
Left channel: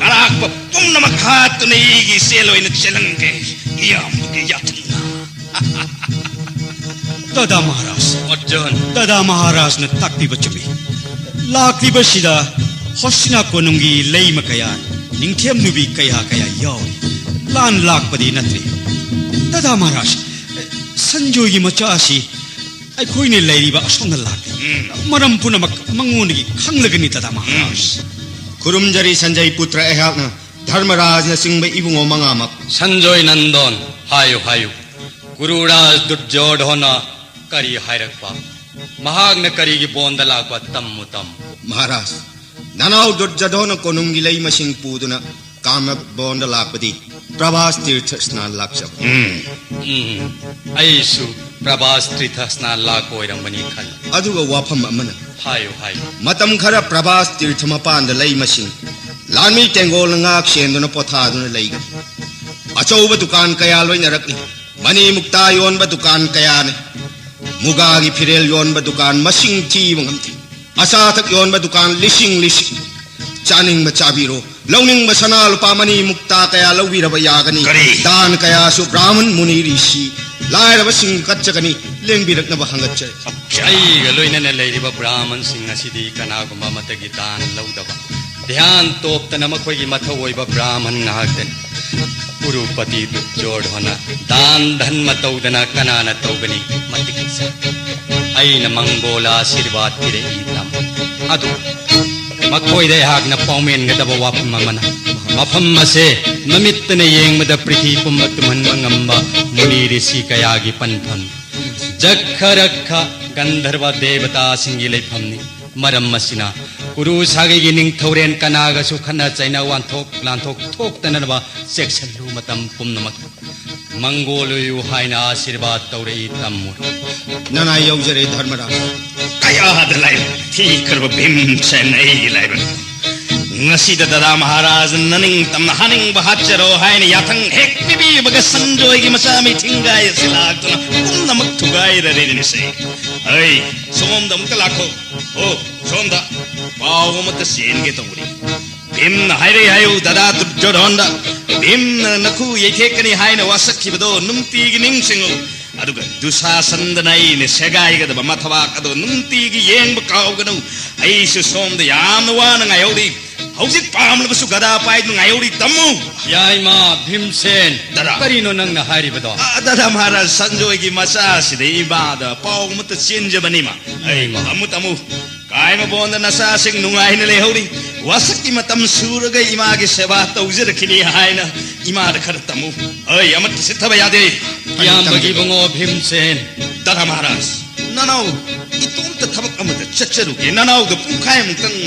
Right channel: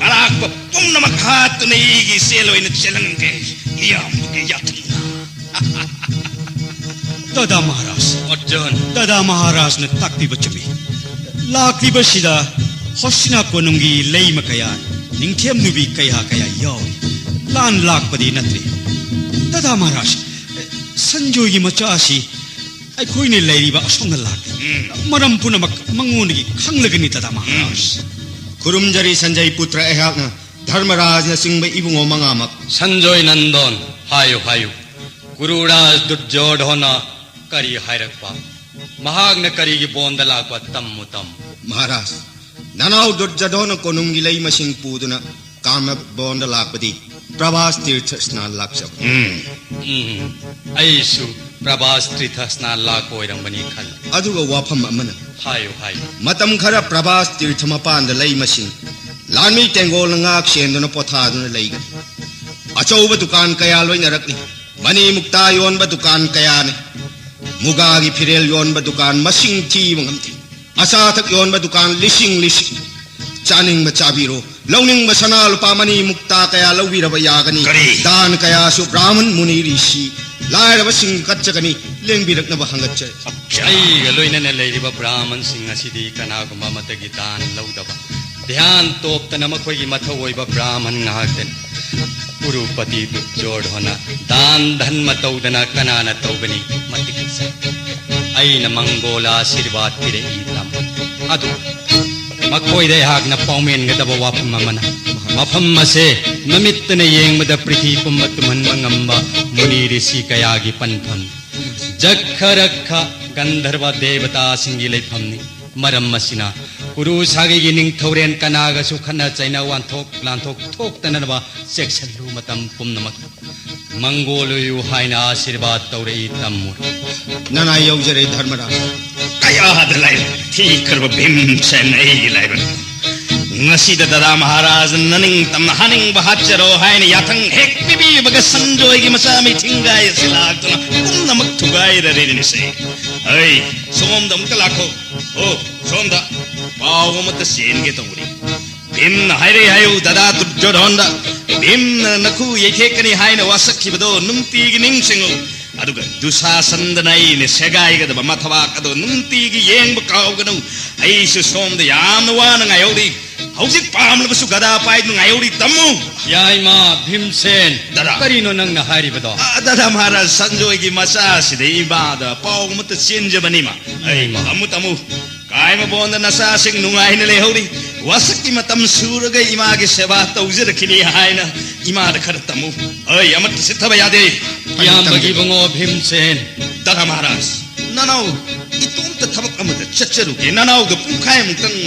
अराक पम नमक हाथ नहीं की सेलो इन चलंगे या मुझे यातना दादा महाराज ojon दादा महाराज ने ताकती बचमी लाकती बशिदा होसना कोनुंगी लई मकया निंखेम नुबी कया कया यो लान लाक पदी नत्री दादा महाराज संजोगी मचासी आई कोई ने लईबा असोंग लाक मरम पुनमक मंगोनगी खंगलगनी दादा महाराज खुरुमजरी संजय पुत्र एहाकना धर्मराज न Singh Ibungo मंगामक sanjoy nandon hayo hayo gururaj durjodhana kari hairakpa mahagna kari gi bonda lakwa tammu tam महाराज ननाव दुर्जधोन कोनुंगी लई मसिंग पूदुना काम बोंड लापदी प्रभास तीर्थ स्नान लाक्षब aisu prabhas trithasna lakoirambani khal अदुगा वाफम अमन hayo hayo मतम खरा प्रभास तीर्थ मपान लई मसिंग लामी तेंगोल ngaक सेंदुना पोथादुना लई अचौब दुकान कया लोइना रखनी मनी मुक्ता योनबा दुकान कया ने मुगागी फिरेल योनबा दुकान मसिंग थी मंगमती असाथक योनबा दुकान लिसिंग लिसिंग चानिंग चाबीरो लौनिंग सना लुपा मनी मुक्ता कया लौबीरब यागनी दान कया सु ब्राह्मण मुनि ऋषि लायरब Singh कच्चगनी लेंबिरकनब हंगच्चे ai ga loina na leiriba brahman sing asidi kana guma matagi dan laudaba dhyan toptana makhoi gi mathau oiba brahman ngahten urupati durjodhana dan dhan mataudana kanana taugani matikisa aina mangola ashirwad pire intam adu makhoi de hagna paumen ga daba wapam mamana mafam ase namittane yengmada prithi pumatuman mangamba muni rishi kayagi pantham jakharakha gandharva devata singi leifamni maram masina guru sagi gi ning thoren kanaga su khana chaina wan thok lan thok thok tanaba section lu matam pumnamak mangolu yu haina आशीर्वाद तौरे तम्मु नना यौजरे धर्मराज कया दलाई ठीक करब भीम से नहीं लाइबन ngasi da dada महाराज ननिंग तम हनिंग बहाचरो हाइन याथंग हेक बिबी bug Sanjoy gi masa mi tingai silatuna namak thugai raregen se ai som dam talakho o som da pawo mat sen ge tawri bim haire hayu dada durjodhonda bim nakhu yeke kani haina wasakhi bado numti gi ning singo aduga dusasandanai me segai ga da mathwa ado numti gi yeng ba kaw ga no ai su som da yam wa na ngai odi hausit pamlabsu gada pai ngai odi tammu yai ma bhimsen karino nang na hari bado dada Maharaj Sanjoy gi masa side ibada paw mat chenje bani ma ai ma amu tamu kai ma bonda nasa sing nungai ne le hodi wasaki matam suraga ima gi seva tawjir khini haina ima da khar tamu ai amat sithaba yade yam bagi bongo bhimsen dada Maharaj nanau itum ta thabak amat chacharu ke nanau da pukai mutang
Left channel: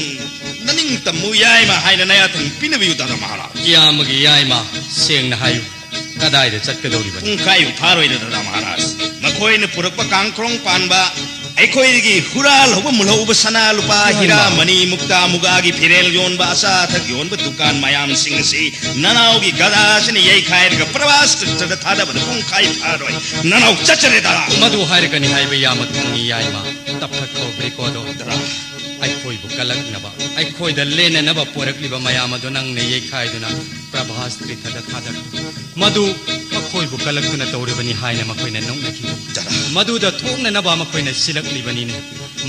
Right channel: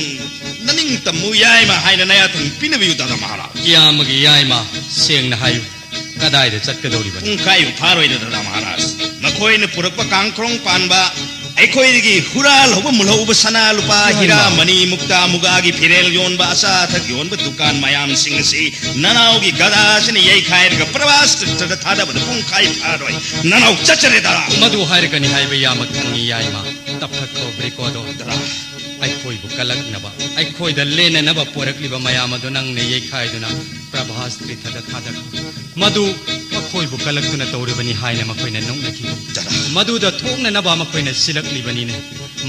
naning tamu yai ma haina naya tang pinabiu dada Maharaj yam bagi yai ma seng na hayu kadai da chakkadori bani kai tharoi dada Maharaj makoi ne purakpa kangkrong panba aikoi gi hural hoba mulhoba sana lupa hira mani mukta muga gi firel yon ba asa thak yon ba dukan mayam sing si nanau gi gada sini yai khai ga pravas ta thada ba pung khai tharoi nanau chachare dara madu har kani hai be yamak ni yai ma tap thak ko bre ko do dara ai khoi bu kalak na ba ai khoi da lena na ba porak li ba mayam do nang ne yai khai do na prabhas tri thada thada madu khoi bu kalak na tawre bani hai na ma khoi na nong na thi dara madu da thok na ba ma khoi na silak li bani ne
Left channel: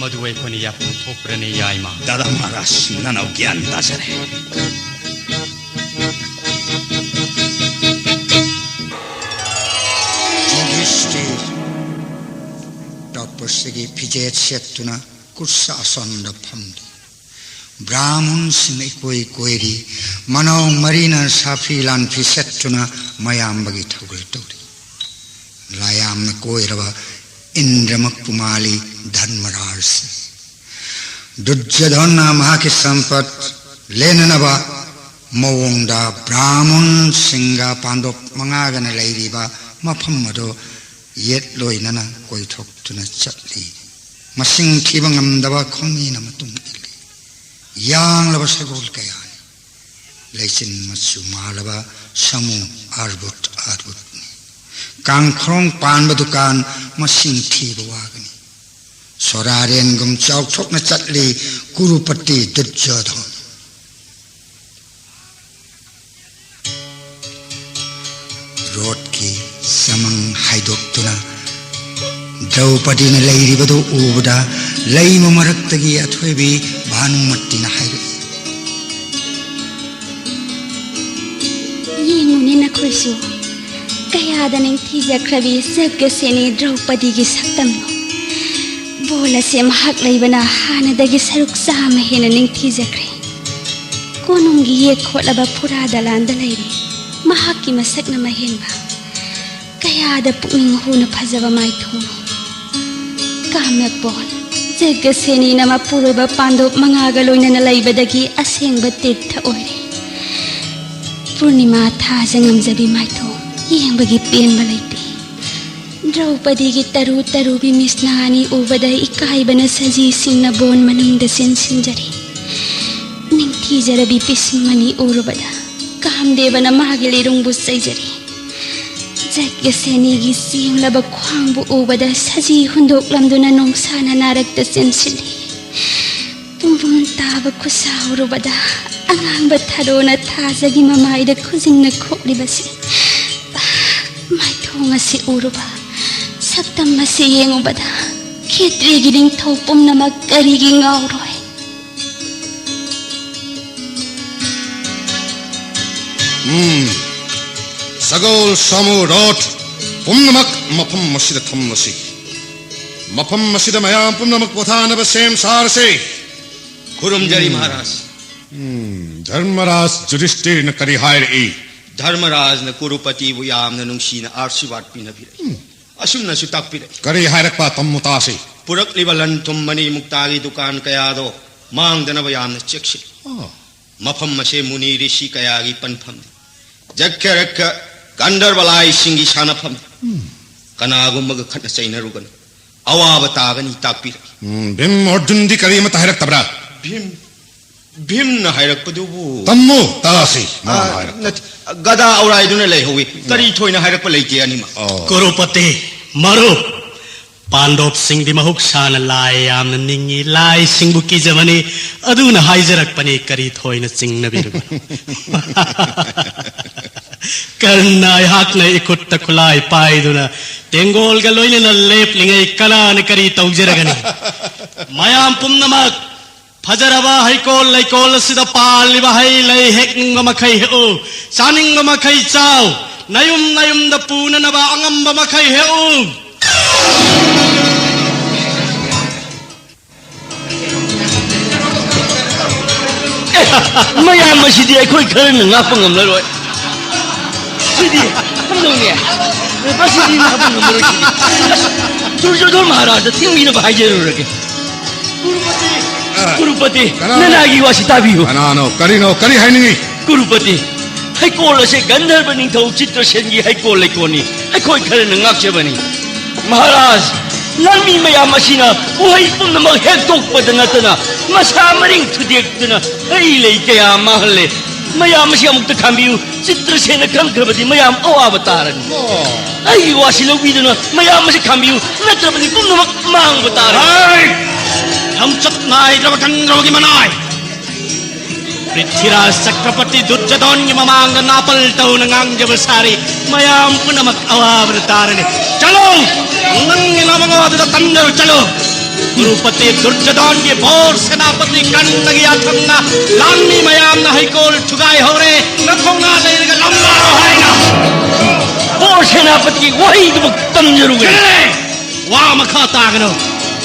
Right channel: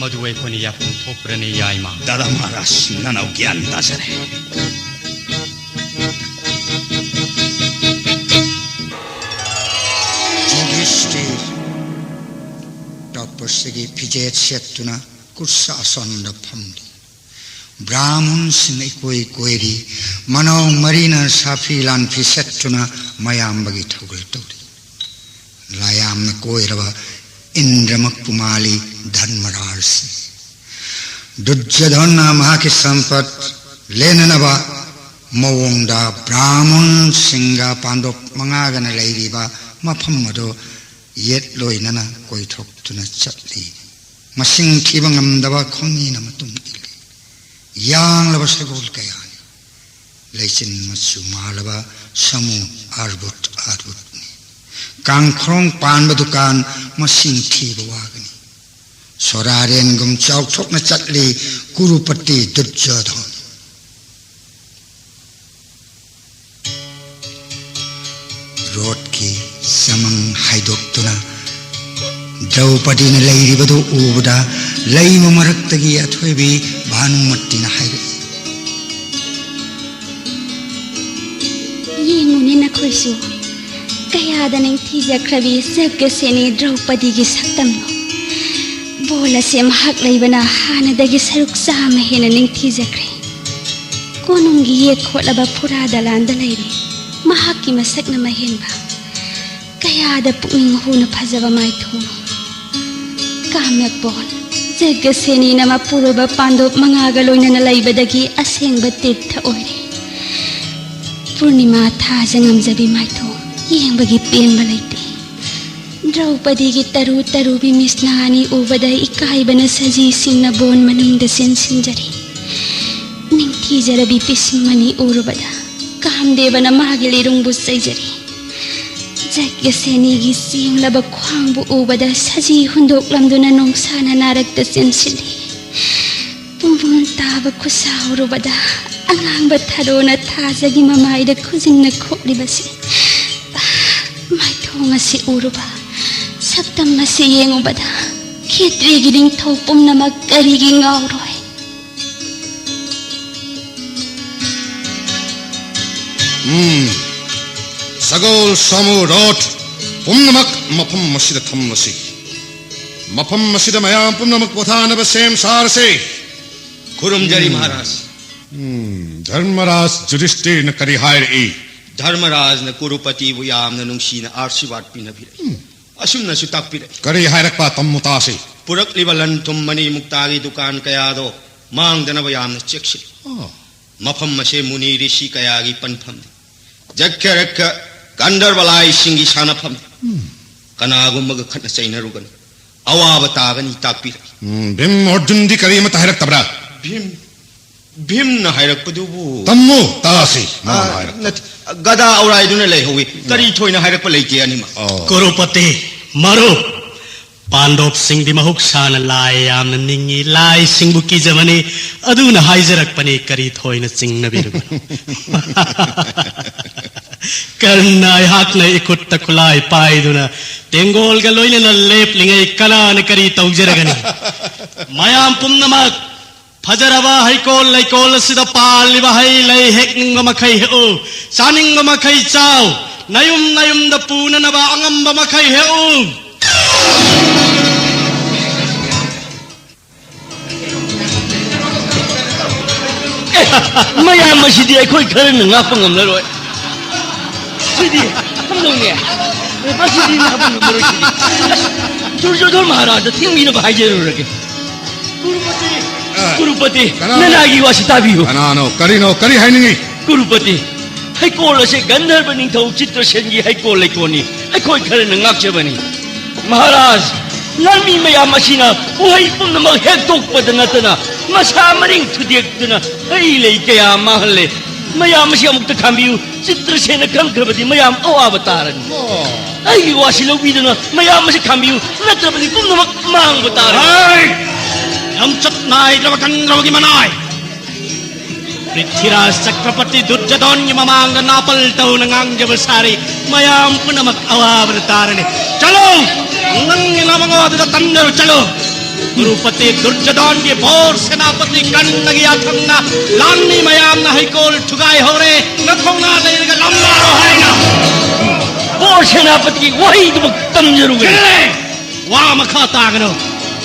madu ai khoi ni ya pung thok pra ne yai ma dada Maharaj nanau gyan ta sare Yudhishthir तपस्वी फिजेत सेक्तुना कुर्सा आसन फमदु ब्राह्मण सिंह कोई कोईरी मनो मरीना साफी लान फिसेक्तुना मयाम बगी ठौगरे तौरी लायाम न कोईरवा इंद्रमक पुमाली धर्मराज दुर्योधन महा की संपत लेननबा मवोंदा ब्राह्मण सिंगा पांडव मंगागन लेरिबा मफम मदो येत लोइनना कोइथोक्तुना चटली मसिंग थीबा ngamdaba khongina matung yang laba sagol kaya leisin masu malaba samu arbut kangkrong pan badukan masing thiba wagani soraren gum chau chokna chatli kurupati Duryodhan rot ki samang haidoktuna Draupadi na lairibadu ubada laima maraktagi athwebi Bhanumattina haire yenguni na khoisu kaya da nang thijakrabi Jagyaseni Draupadi gi saktamno bola se mahak laibana hana dagi saruk sama hena ning thijakre konungi ye kholaba phura dalanda laire mahak ki masak na mahenba kaya da pukning huna phajaba mai thono kamyak bon Jagyaseni nama puraba Pandov mangaga loina laibadagi asengba tirtha oire Purnima thaja ngamjabi maitho yengbagi pengba leite Draupadi gi taru bi misnani ubada ikaibana saji singna bon maningda sinjari ningthi jarabi pisimani urubada kamdevana magilirung busaijari Jagyaseni gi singlaba khwangbu ubada saji hundoklamduna nongsana narakta sinsili pumbun taba khusawrubada angang bathadona thajagi mamaida khujinna khoklibasi maithonga si uruba saktam masi yengubada khetri giding thopum namak karigi ngauroi Sagol samu rot pumnamak mapam masida thamasi mapam masida mayam pumnamak pothana basem sarse खुरुमजरी महाराज धर्मराज युधिष्ठिर न करी हायर ए धर्मराज न कुरुपति बु यामन नुंसीना आशीर्वाद पिनबिरे असुमना सुतापिरे करी हायर पा तम्मुतासे पुरक्लिब लन तुममनी मुक्तागी दुकान कयादो मांगदनब यामन चेक्सी मफम मसे मुनि ऋषि कयागी पनफम जक्य रक्य गंधर्वलाई सिंगी सानफम कनागुमग खन चैनरुगन अवाब तागनी तापिरे भीम अर्जुन दी करी मत हायर तबरा भीम न हायरकपदुबु तम्मु तासे गदा औराइदुना लेहौवी करी थोइना हायरकप लेके अनिमा कुरुपति मरो पांडव सिंह दी महुक सान लाय याम निंगी लाय सिंह की जमनी अदुना हाइजरक पनी करी थोइना सिंह नबिरु करनाय हाक ने इकुट तकुलाय पाइदुना तेंगोल गा लोइना लेप लिंगे कला न करी तौजरगनी मयाम पुन्नमक फजरवा हैकोल लैकोल सिदा पालिबा है लै हेकिंग मखै हेउ सानिंग मखै चाव नयुम द पूननबा अंगम मखै हेउ maya masidi akhoi khare na ngapang ngam loi sidi hamlongya basidi ngapang ngam loi Duryodhan Maharaj thiwi na bhaijero rake Kurupati nanagi wasita biyo Anano kari haini Kurupati haikol ase Gandharva ningthau Chitrasengi haikol lekoni akhoi khare na ngakchebani Maharaj lammi mayam asina uhai pumnamak hektokpada natana masa maring thudekduna ai lei kaya mahalle mayam asi amukta thambiu Chitrasena khangthrabadi mayam awabatarani ai wasilawiduna mayam asi khambiu natrabadi pumnamak mangbatarani हम चतनाय जवकन रोगी मनाय पृथ्वीराज चक्रपति दुर्योधन ममांग नापल तौ नंगांग जब सारी मयाम पुनमक अवावर तारन चलो नंग नमगो द तंदर चलो गुरुपति दुर्योधन के भोर सेनापति कन्नगी आथन्ना लान्नी मयाम न हैकोल ठुगाई होरे नथोना लेगा लंबा होएगा भोर सेनापति वही तंजरुगे वा मखा तागनो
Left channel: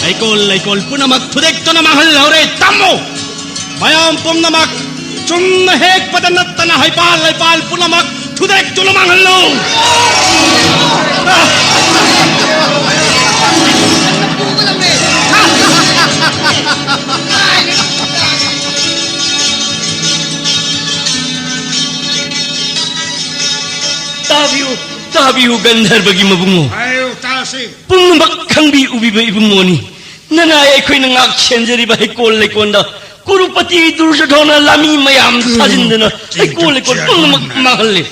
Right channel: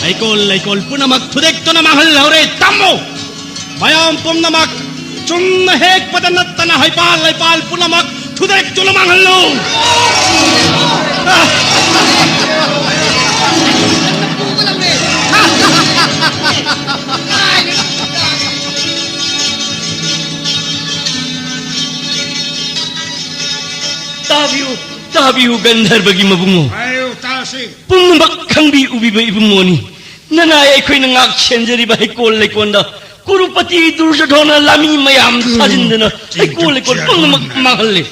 Laikol punamak thudek to na mahal hore tammo mayam pumnamak chunna hek padanat na haipal punamak thudek to na mahal lo ताबियो गंधर्वगी मबुंगो 아유 따시 पुनमक खंबी उबिबे इबुंगोनी नना एखोइन ngak chenjeriba hekol lekonda Kurupati Duryodhan लामी मयाम साजिंदना hekol lekon पुनमक mahalle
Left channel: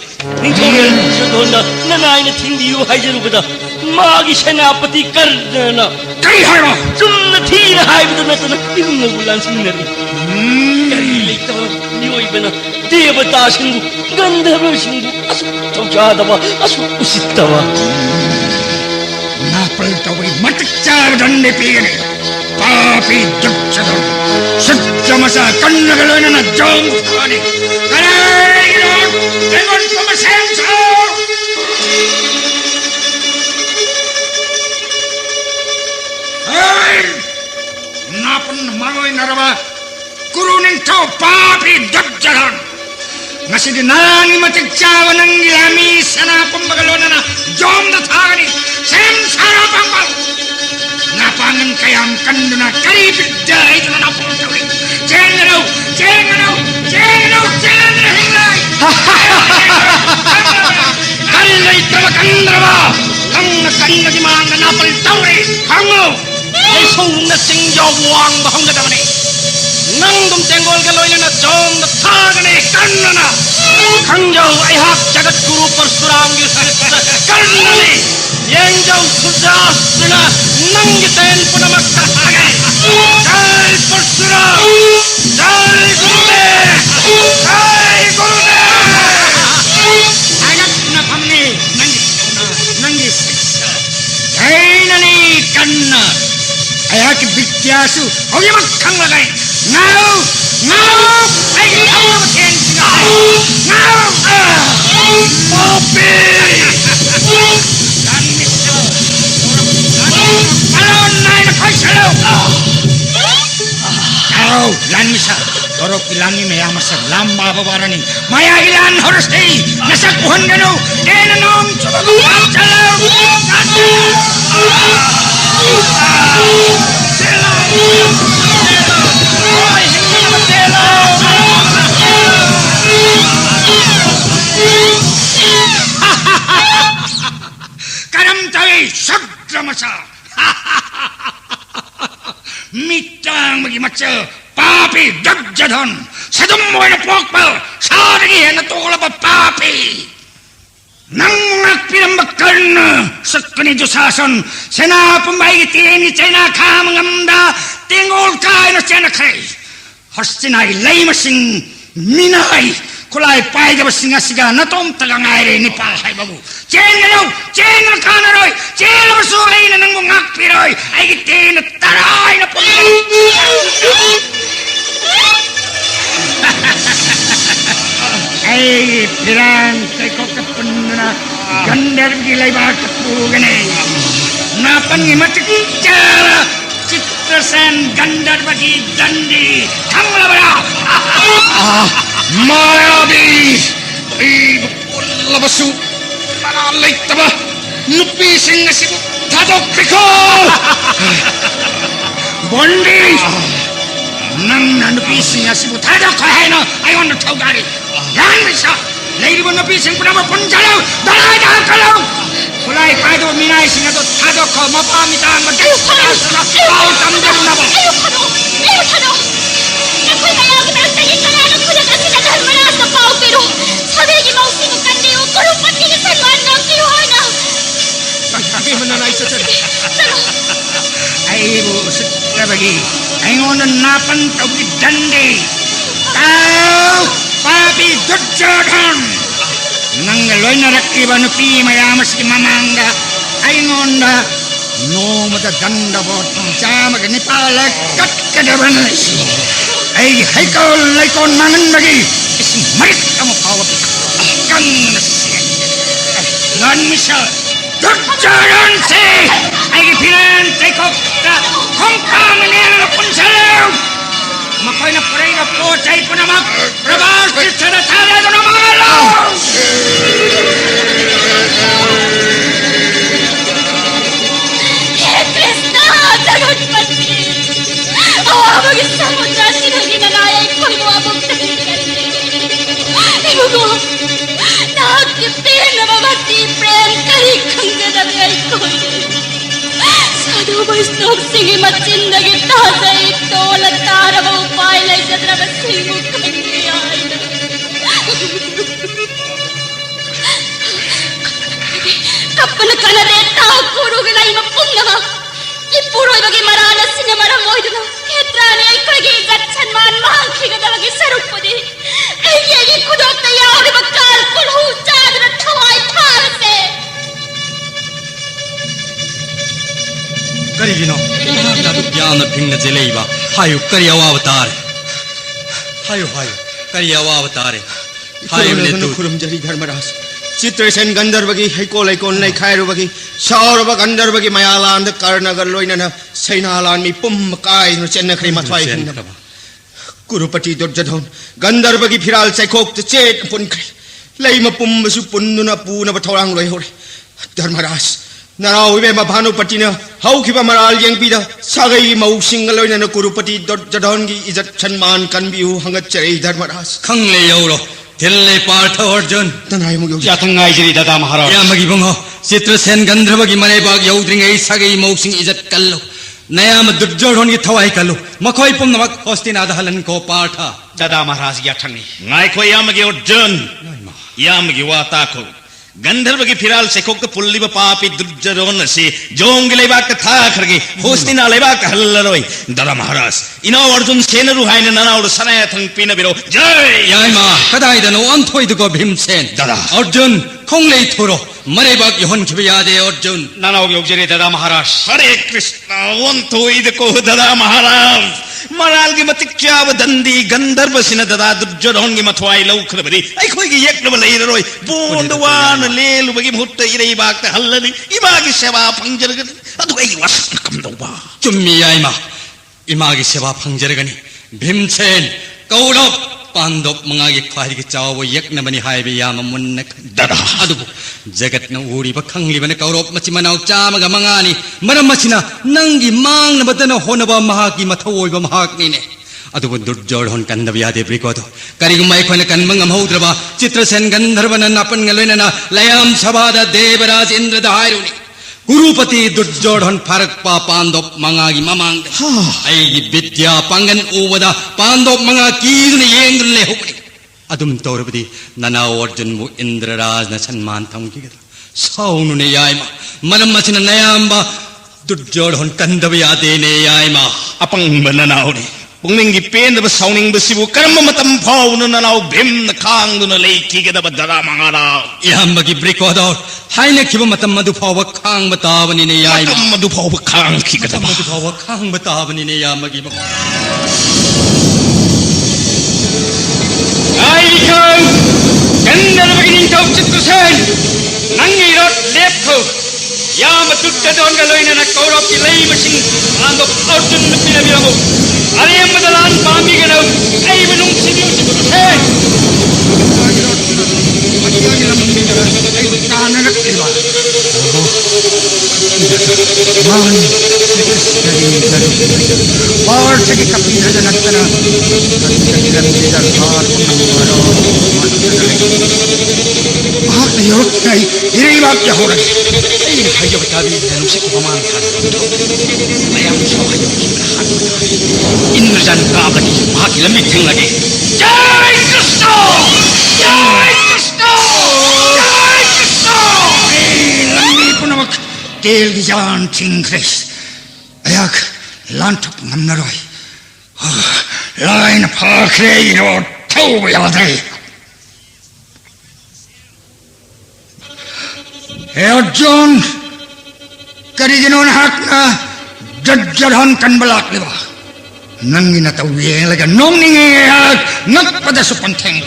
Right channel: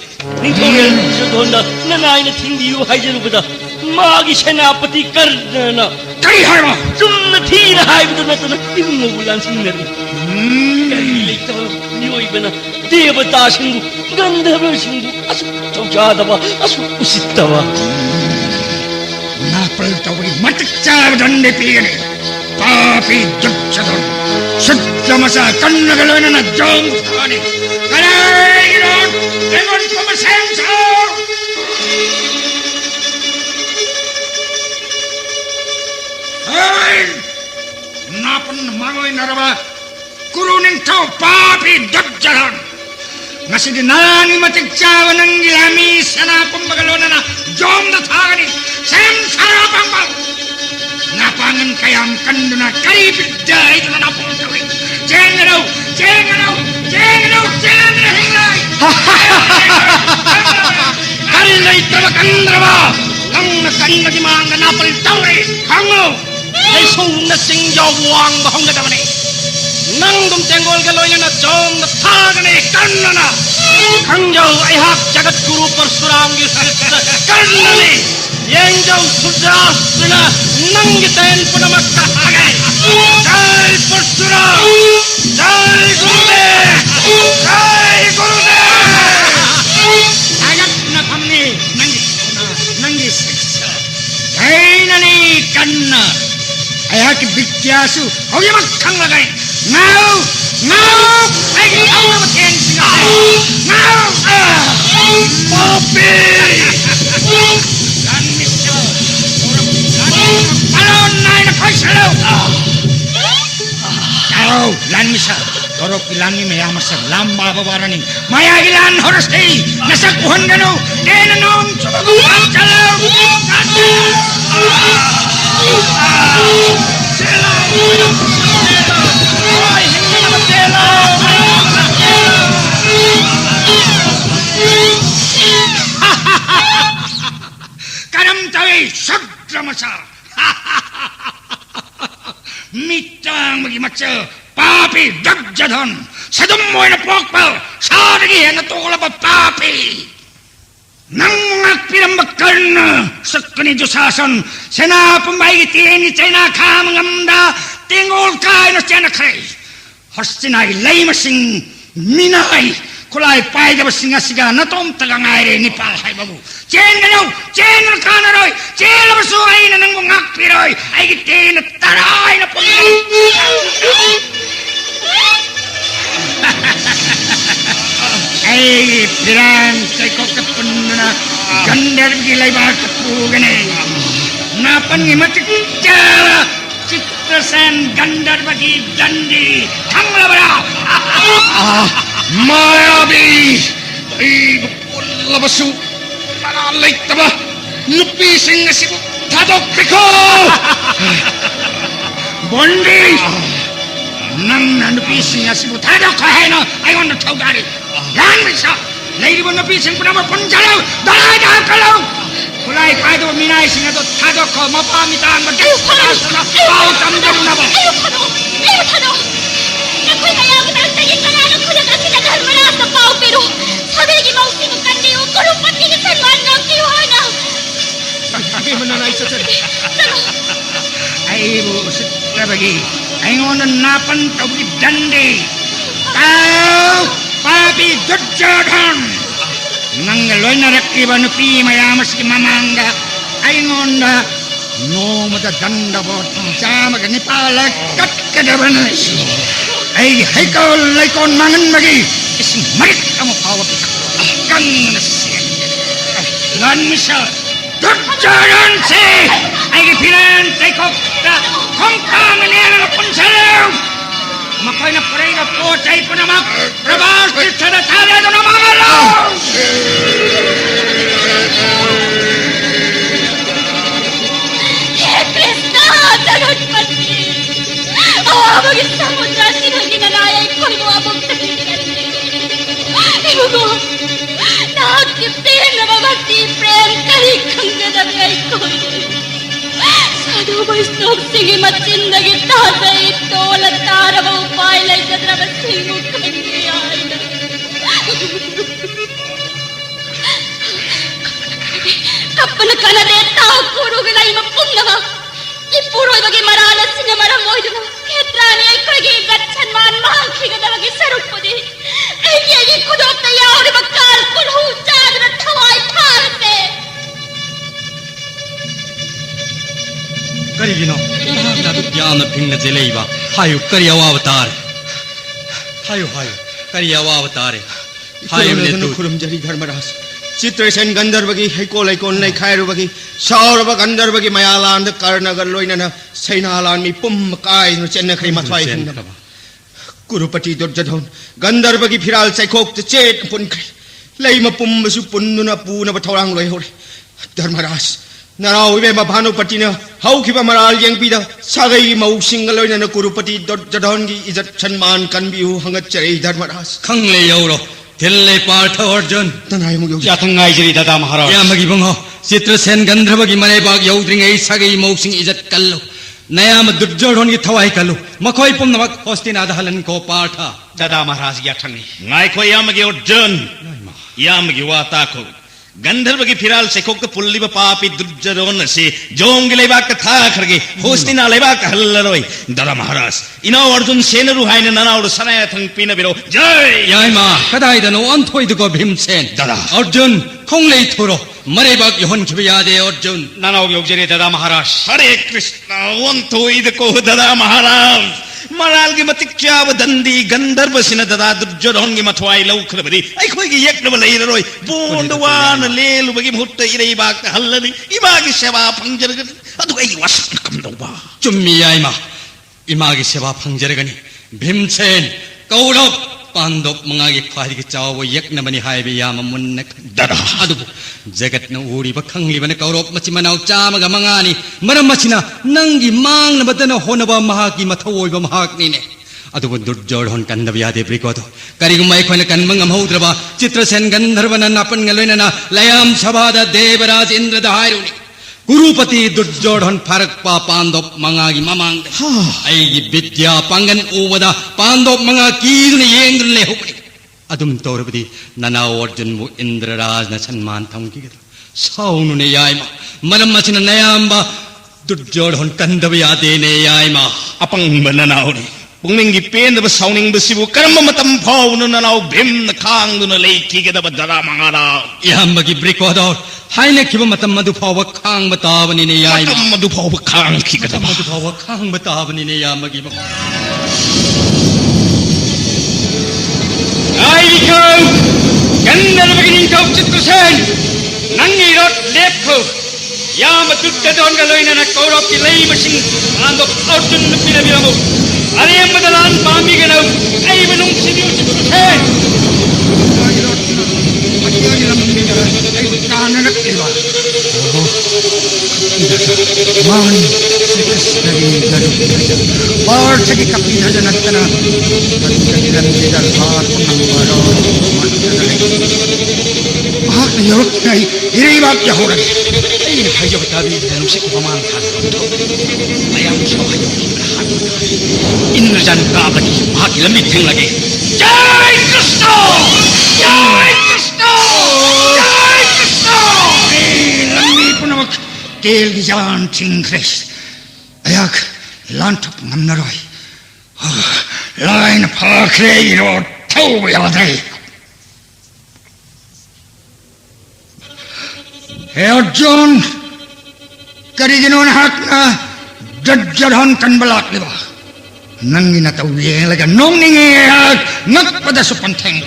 निथोरे दुर्योधन नना आइने थिंदियो हाइजरुबदा मागी सेनापति कर्दना करी हायमा चुन्न थीर हाइबदा नतन इबुंगो बुलान सिंगरी करी लेतो नोइबना देवता सिंगु गंधर्व सिंगु असु तौजादवा असु उसितवा 나쁠 더블이 마뜩짜고 전내 비ገ네 파피 득차도 숫자마사 건너갈려나 정타니 가라이로 대건 꼬마 생초 어이 나쁜 말로이 나라봐 구루는 저 파피 득차도 Nasi dinani matigcawa ng yami sana pumagalo na jom na tagani sayang sarapang ba napangan kayam kando na karipit dahil na napulgawin jengaraw hinay kanilay talakandra ba kang nasanda di mga napaltawin hango ay sung na singjong wang bahong na daman nangdum tenggol galoy na jom na tagani kando na Kangjau ihak jagat guru persuram di sarikara karnani yengjau sudasna nanggitain penamat tahagai jai persuram jai gurudev anak na pamni nanggis jai nani kanna ayat vidyasu hogimat kanglagai ngau ay ayaw matin Mopi! Alon na napasalaw! Aw, lan misa. Torok ilani na yamasa lamba babarani. Maya ilan horasi. Nasakuhan gano. Kenanong sumaguhan salaw. Ay, hindi na matelaw. Karamtawi sabdramasa mitang magimatsa papi dagjadhan sadummoy na pokpa sadagihan na tukula pa papi nang mga pinambakan sa kanidyosasan senapamayitin ni China kamangamda tingol kayo na China kay hastinay laymasing minay kulay payda ba singa-siga na tom tagangayre ni Pasay Babu. Cengalaw kanaroy, cengalaw masuhay na ng mga piroy, ay gitin at taray na pagkakas. Ay, pirang kay kokapun na gandar gilay ba kapugan eh. Napangimatik cara, citrasan gandar bagi gandi, tangla ba Mayabi! Ay, labasu! Panalay ka ba? Lupising na si Tadok ko! Bondi! Nang nanupising na si Tadok kahay na ayaw na tawgari. Yan siya! Lady mo napising ko na mapunjalaw! Dahil kalaw! Kulay pa ito minay sinado Tadok ko mapamitaan magkakalas na pautam din na ba? Ayaw Tadok! Ako'y malamit ang tayin na nga ng kulit at sinagahan mo na sa pao pero sabi ni Mausing ang kandiyo kurupat niya sa iwan ng tiwana. Hindi mo na naisasal. Pero Ay, usip ka bagi. Ay, ngunang napantawag gandi. Tao! Papi Dudjodhan! Nang naloy na rakiba no pi mayamas ki mamangga. Ay, ngonda no madaganda botong sama ganipalag kat kadabanas. Ay, haikaw laikon mangan lagi. Ismarit kamu kawat. Kami nasiyan. Lan misa. Dudjodhan si! Ay, pinantay ko ka. Kung pamangyari na punsalaw. Makoy na paray na po, chay ko na mag-rabas, sa natala ko na mga law! Krishna, Ganapati! Awag isang na sinaginanayay ko'y muabog na pinagin. Ibugo, nakakipin na mga भक्ति प्रेम कहीं खंजदबे कोई साधु वैष्णव सिंह मचिंदगी ताजे तोल तारव उपाय लई जद्रव सिंह खंगी आई कपन कनदे ता कुरुगलाई म पुन्नवा इपुरोइबगी मराल सिंह मरम मोइदुना क्षेत्राने इकड़गी इज्जत सम्मान महाखिगदवगी सरुपदी एगी कुदोक्ತ ಯಾವಗ ಕಾಲ್ ಕುಳು ಚಾದ್ರ ठवाई फारसे करिगिनो नादु ज्ञान भिन्न जेलेइबा हायु करिया अवतार हायु करिया अवतार हायु लेतु खुरुमजरी धर्मराज चित्रसेन गंधर्वगी हैको लैकोन नै खायरुबगी सौरभ गंधर्वगी मयालांद कर्णगर लोइनना सैनालान मी पुम काय न चेन्नखरि मथवाई हिंदबा कुरुपति दुर्जधन गंधर्वगी फिराल चैकोक चेत पुनखरि लैम पुम्बसु पुन्नुना पूनब थौरांग लोइ होरे धर्मराज नराव इबे भानुपतिना हौखिबा मराल यंगपीदा सागै मौसिंग लोइनना कुरुपति दुर्जधनगी इज्जत सम्मान कनबिहु हंगचरै धर्मराज खंगले यौरो दिल्ले पार्थ अर्जुन तनाय मुगौ याथंगाई जरी दादा महाराज या मगी बंगो चित्रसेन गंधर्वगी मनेबाग यौद्रिङै सागै मौसिंग इज्जत कल्लो नयाम दुर्जोधनगी थवाई कल्लो मखोई पुम्नमक होस्तिनाद हलन को पार्थ दादा महाराज याथंगी ngaiko yamagi odon yamagi watako गंधर्वगी फिराल सेकोक पुल्लिब पापी दुर्जरोन से जोंग लेबाक था खरगे होस्तिना लेबाक हल्लरोय दादा महाराज इना अर्जुन सेनरु हाइन ननाउड सनाय थंग पिन बिरो जय यामा कदाइदनो अंथोइदुको भीमसेन दादा अर्जुन खोंगले थोरो मरेबाक यहन खिबियादे अर्जुन नानाव योगजरे दादा महाराज हरे कृष्ण वंतो इदको दादा महाराज मराल की मत क्या दंदी गंधर्व सिन दादा दुर्जरोन की मथवाई लौखरबदी आई खोई की यक्नब लेरोय बोंदवान लेलुबगी मुट्ट इरई बाक हल्लनी इबागी सेवा फंजरग अदु आई वसन कमदौबा चुम्मी याइमा इमागी सेवा फंजरगनी भीमसेन कौरव पांडव मंगागी ख्वाइगी चाव यक्नबनी हाइबे याम मुन्न दादा अदुबु जगतन उरिब खंगलिबने कौरव मचि मनाव चामगा मंगानी मरम मचिना नंगी मांगनबदन होनबा महाकी मथवोइबा महाकनीने अदुबु दुर्जोधन कन्दब यादे ब्रिकोदो करिगुम अखोइना कन्मंग महोद्रबा चित्रसेन गंधर्वन नापन गलोइना लयाम सभादा देवराज इंद्र दहारुनी गुरुपति दुर्जोधन फरक पा पांडव मंगागी ममांग आईगी विद्या पंगन उवदा पांडव मंगा कीजुने येंद्रले होपनी अदुम तौरबदी ननाव अर्जुन मु इंद्रराज न सम्मान थंगी सौनुने याइमा मरम मचिन नयाम्बा दुर्जोधन कन्दब यादेने याइमा अपंग ननाउनी पुंगनिंगी पेंदब सौनिंग बसिबु कर्म मतम फाउन ननाउ भिन्न खांगदुन लेखिगदब दादा महाराज याम्बगी ब्रिकोदो हाइने खिब मतम मधु फाव खांग बतावनिने याइमा मतम मधु फाव खांग खिगदब मधु फाव खांग बतावनिने यामगी आइजन गंधर्वगी निंथौ चित्रसेन नंगी रोट लेखो याम दुर्जोधन गलोइना कौरव की रई मशीन आंदो अर्जुन पिन बिरगो अरे मदलान बामी गनो आई बनुंग सिंह चित्रसेन इंद्रजन काबली भाग लंबी थी लगे जय कृष्ण जय कृष्ण जय कृष्ण पुनमक तेल जान चिंग्रेस अयाक लांटप मनरोय लाइन फाखरे रो थौ यादै अर्जुन करिगिनोन हाकना दुर्जोधन कनबलाक लेबा नंगिन तौये लगा नोंनिंगे नकपदसु पंथेंग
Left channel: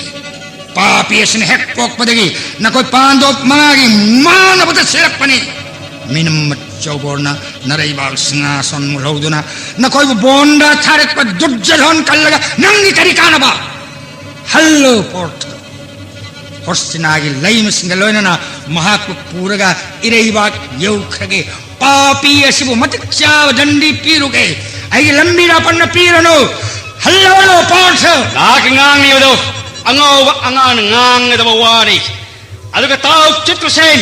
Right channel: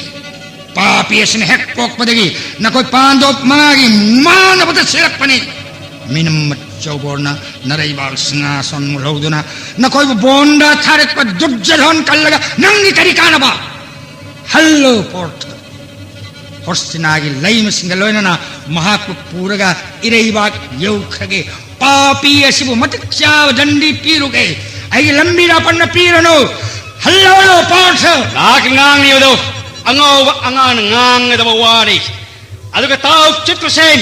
पापीसन हेक पोकपदगी नकोय पांडव मंगागी मानबद सेरपनी मिनम चौबोरना नरैबाग सिंहासन मुलौदुना नकोय बोंडा थारक पर दुर्जोधन कल्लगा नंगी करिकानबा हल्लो पोर्ट होस्तिनागी लैम सिंगलोइना महात्म पूरगा इरैबाग यौखगे पापी असिबु मतिचाव दंडी पीरुगे आई लंबी रापन्न पीरनो हल्लो पोर्ट लाक ngang lido angau angan ngang da wari अदुगा ताऊ चित्रसेन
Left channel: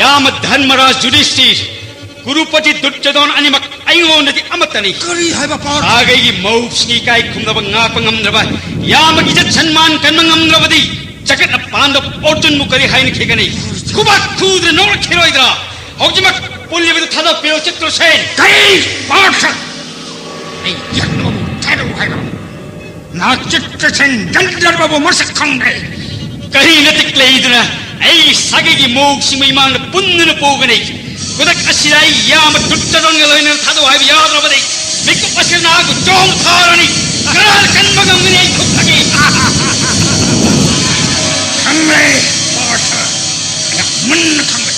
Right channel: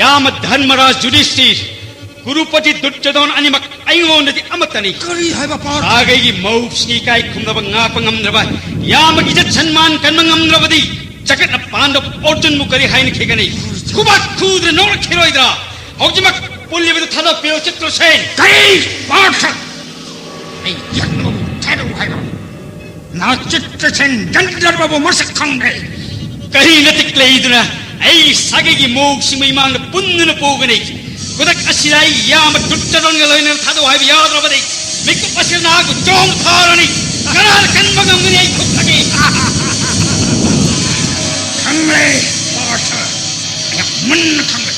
याम धर्मराज युधिष्ठिर गुरुपति दुर्योधन अनिमक अयोनदि अमतनी करी हाइबा पार्थ सागैगी मौक्सनी काय खुमदब ngapa ngamdraba यामगी जत सम्मान कर्म ngamdrabadi जगत पांडव अर्जुन मुकरी हाइन खिगनी कुबक खुद्र नोर खिरोइदा हौजिमक पुल्लिबद थादा पेयो चित्रसेन करी पार्थ ei yakno taru haibा ना चित्रसेन गंधर्व मसक खंगै कहीं नतिक लेइदना ऐ सागैगी मौक्समी मान पुन्न पोगनी कुदक असिराई याम दुर्योधन लैन थादो हाइब याद्रबदी निक पसना को जोम थारनी करार कन्मगमने खुदनी खंगै पार्थ मन खंगै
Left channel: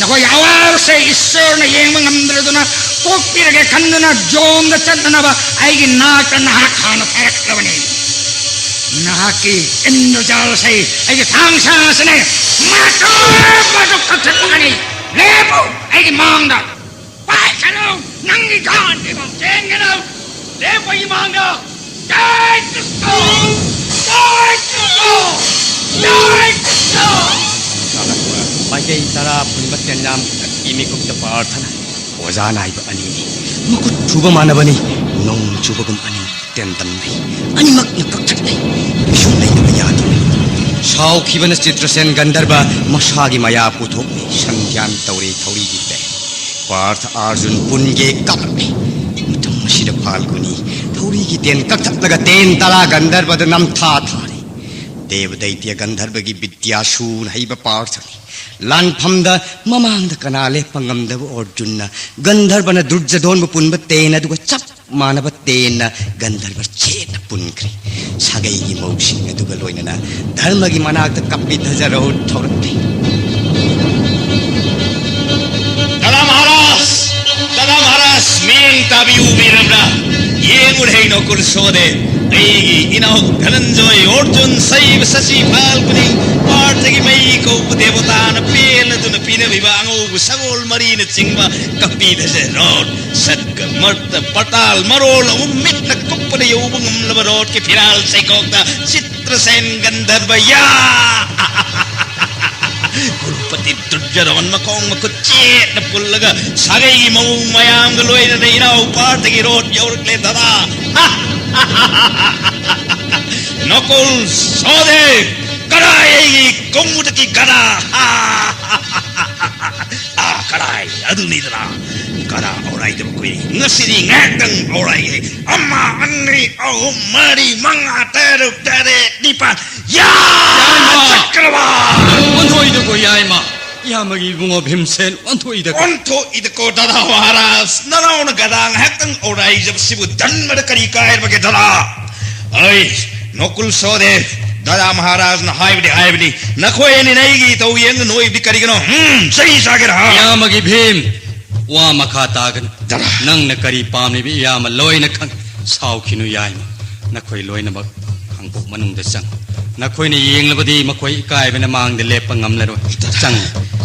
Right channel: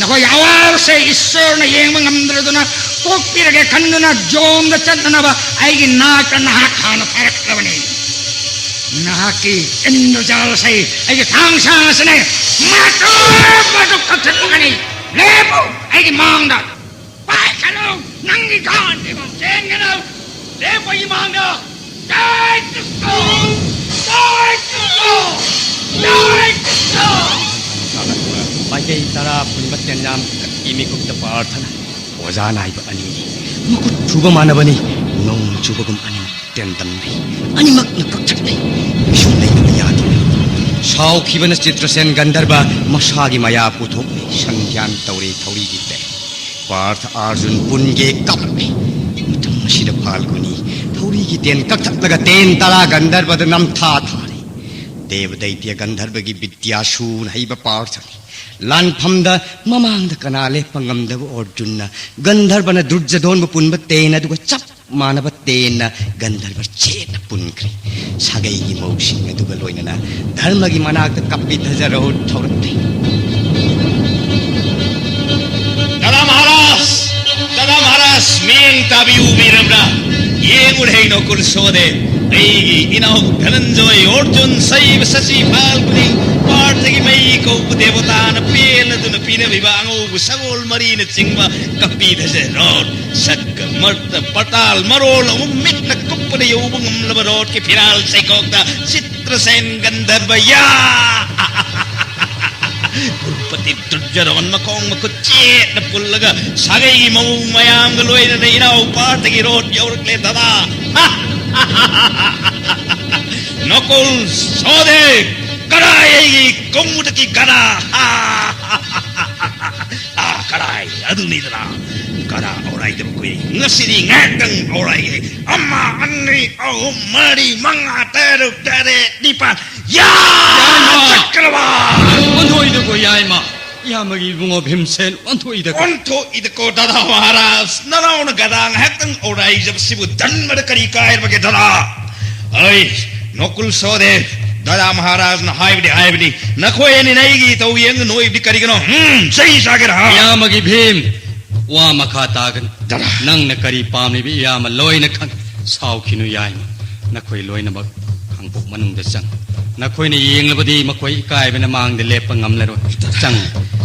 नहो यावार से ईश्वर ने Young ngamdraduna poktirage kannana jom da channaba aigi naak na khana paraklavani naki indojal sai aigi thangsa sene mato mato kathani lepo aigi mangda pai chalo nangi gan di bang jengeno lepo I mangda dai to Bagi tara punibat kanyam ini kumta parthana wajana iba ani mukut chuba mana bani nong chuba kum ani tentan ani mak nakak shulai ni yatu sau khibana chitrasen gandharva masagi maya puthok sangyan tauri thauri gitte parth arjun punge kapki mutam shida phalguni thauri gi ten kakthak laga ten tara gandharva da nam tha thari देवदैत्य गंधर्वगी विद्यासून हईब पार्थ लानफमदा ममांग कनाले पंगमदब अर्जुन गंधर्वन दुर्योधन पुनब तेन दुग चप मानब तेन गंधर्व चेत पुनख्री सागैगी मौसिंग दुग लोइनना धर्मगी मनाक कपि धजरो थोरति दादा महाराज मेन ताबिउ मेरबना ये गुढ़े नकुल सोदे एगी इनाउ धनंजय अर्जुन सैव शशि फाल्गुनी पार्थगी मई को देवता न पेल दुन पिन विवांगो सगोल मरी न चिंगवा कपि धसे रोड सक मर्त पताल मरोल उम्मित न कुप्पन योबंगम लब रोड के फिराल से कोक्ता चित्रसेन गंधर्व या गुरुपति दुर्योधन मकोंग मको चेत न पुल्लगा सागै मौ मयाम गलोय न इनाउ पार्थगी रोड योरले दादा नकुल सहदेव कड़ाई कोमुट की गड़ा कड़ाई अदुनिदरा कड़ा औराई जब कोई नसरी ngakang औराई अम्मा अन्नी औ मरी मंगा तेरे तेरे दीपा या चक्रवा 원토이 되고 야이마 야마기 붕어 빔센 원토이 되고 onto idako dada waras narauna gadang hatang aurai jab sibu danmad kari kair bage dada ai nokul sode dada maharaj na haibdi nakhoyani naigi tau yeng noi bi kari gano sei sagar ha यामगी Bhim वा मखा तागन नंग न करी पामी भी याम लोय न खंग साउ खिनु याइमा नखोय लोय न बक खंगपok manung da sang नखोय ने येंग लबदी मखोय इकाय बन मांग दे लेप ngamlero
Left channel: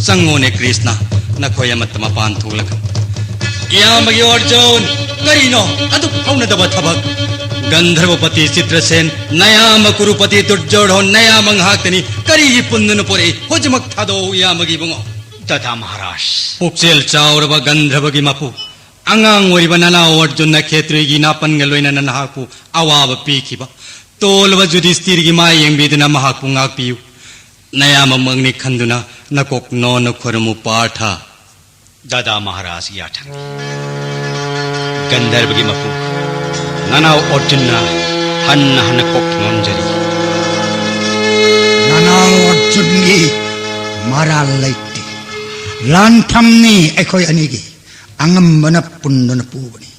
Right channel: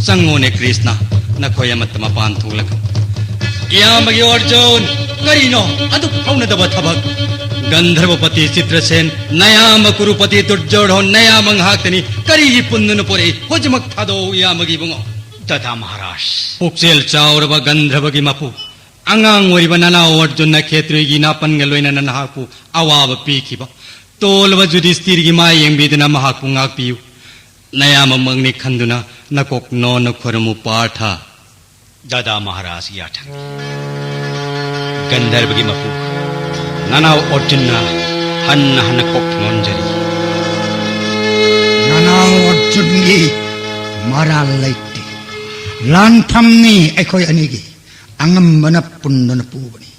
संगो ने कृष्णा नखोय मत मपान थुलक यामगी अर्जुन करिनो अदु हौन दब थबक गंधर्वपति चित्रसेन नयाम कुरुपति दुर्योधन नयाम हाकनी करी पुन्नन पोरे होजमक थादो यामगी बंगो dada maharaj पुक्सेल चाउरब गंधर्वगी मपु अंगांग ओरिब नना अर्जुन क्षेत्रीगी नापन गलोइना नहापु अवाब पीखिबा तोलब युधिष्ठिरगी माय यंबिदना महापु ngakpiu नयाम मंगनी खंदुना नकोक नो नखरमु पाठा दादा महाराज याठ गंधर्वगी मपु ननाव अर्जुन हन कोक नोंजरी नानाव अर्जुन गी मारा लैते लानफमनी अखोय अनिगी अंगमबन पुन्नन पुबनी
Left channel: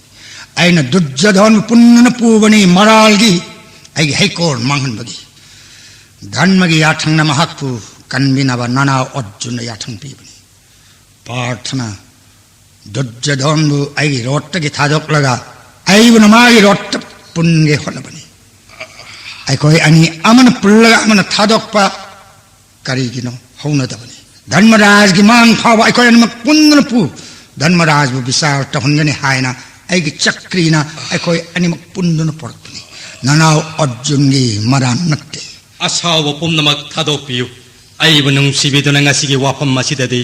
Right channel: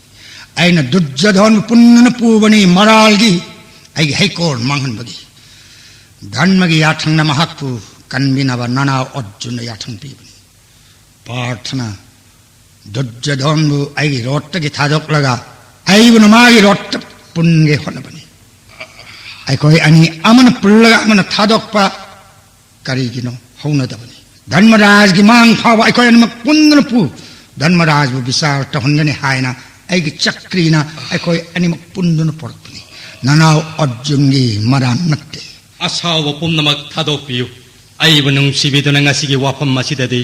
आइना दुर्योधन पुन्नन पुबनी मरालगी आई हेकोर मांगनबगी धर्मगी याथंग नमहकु कन्बिनब नानाव अर्जुन याथंग पीबनी प्रार्थना दुर्योधन आई रोट्टगी थादोक्लगा आइबन माई रोट्ट पुन्गे होलबनी अखोय अनि अमन पुल्लगा अमन थादोक्पा करिगिनो हौनदबनी धर्मराज की मांग फाव अखोय अनमक पुन्नन पु धर्मराज बु विचार तहनगने हायना आइगी चक्रीना अखोय अनिमक पुन्नन पड़पनी ननाव अर्जुन गी मरान नक्के असाव पुमनमक थादो पियु ꯑꯩꯕꯨ ꯅꯨꯡꯁꯤꯕꯤꯗꯨꯅ ꯉꯁꯤꯒꯤ ꯋꯥꯐꯝ ꯑꯁꯤꯗꯗꯤ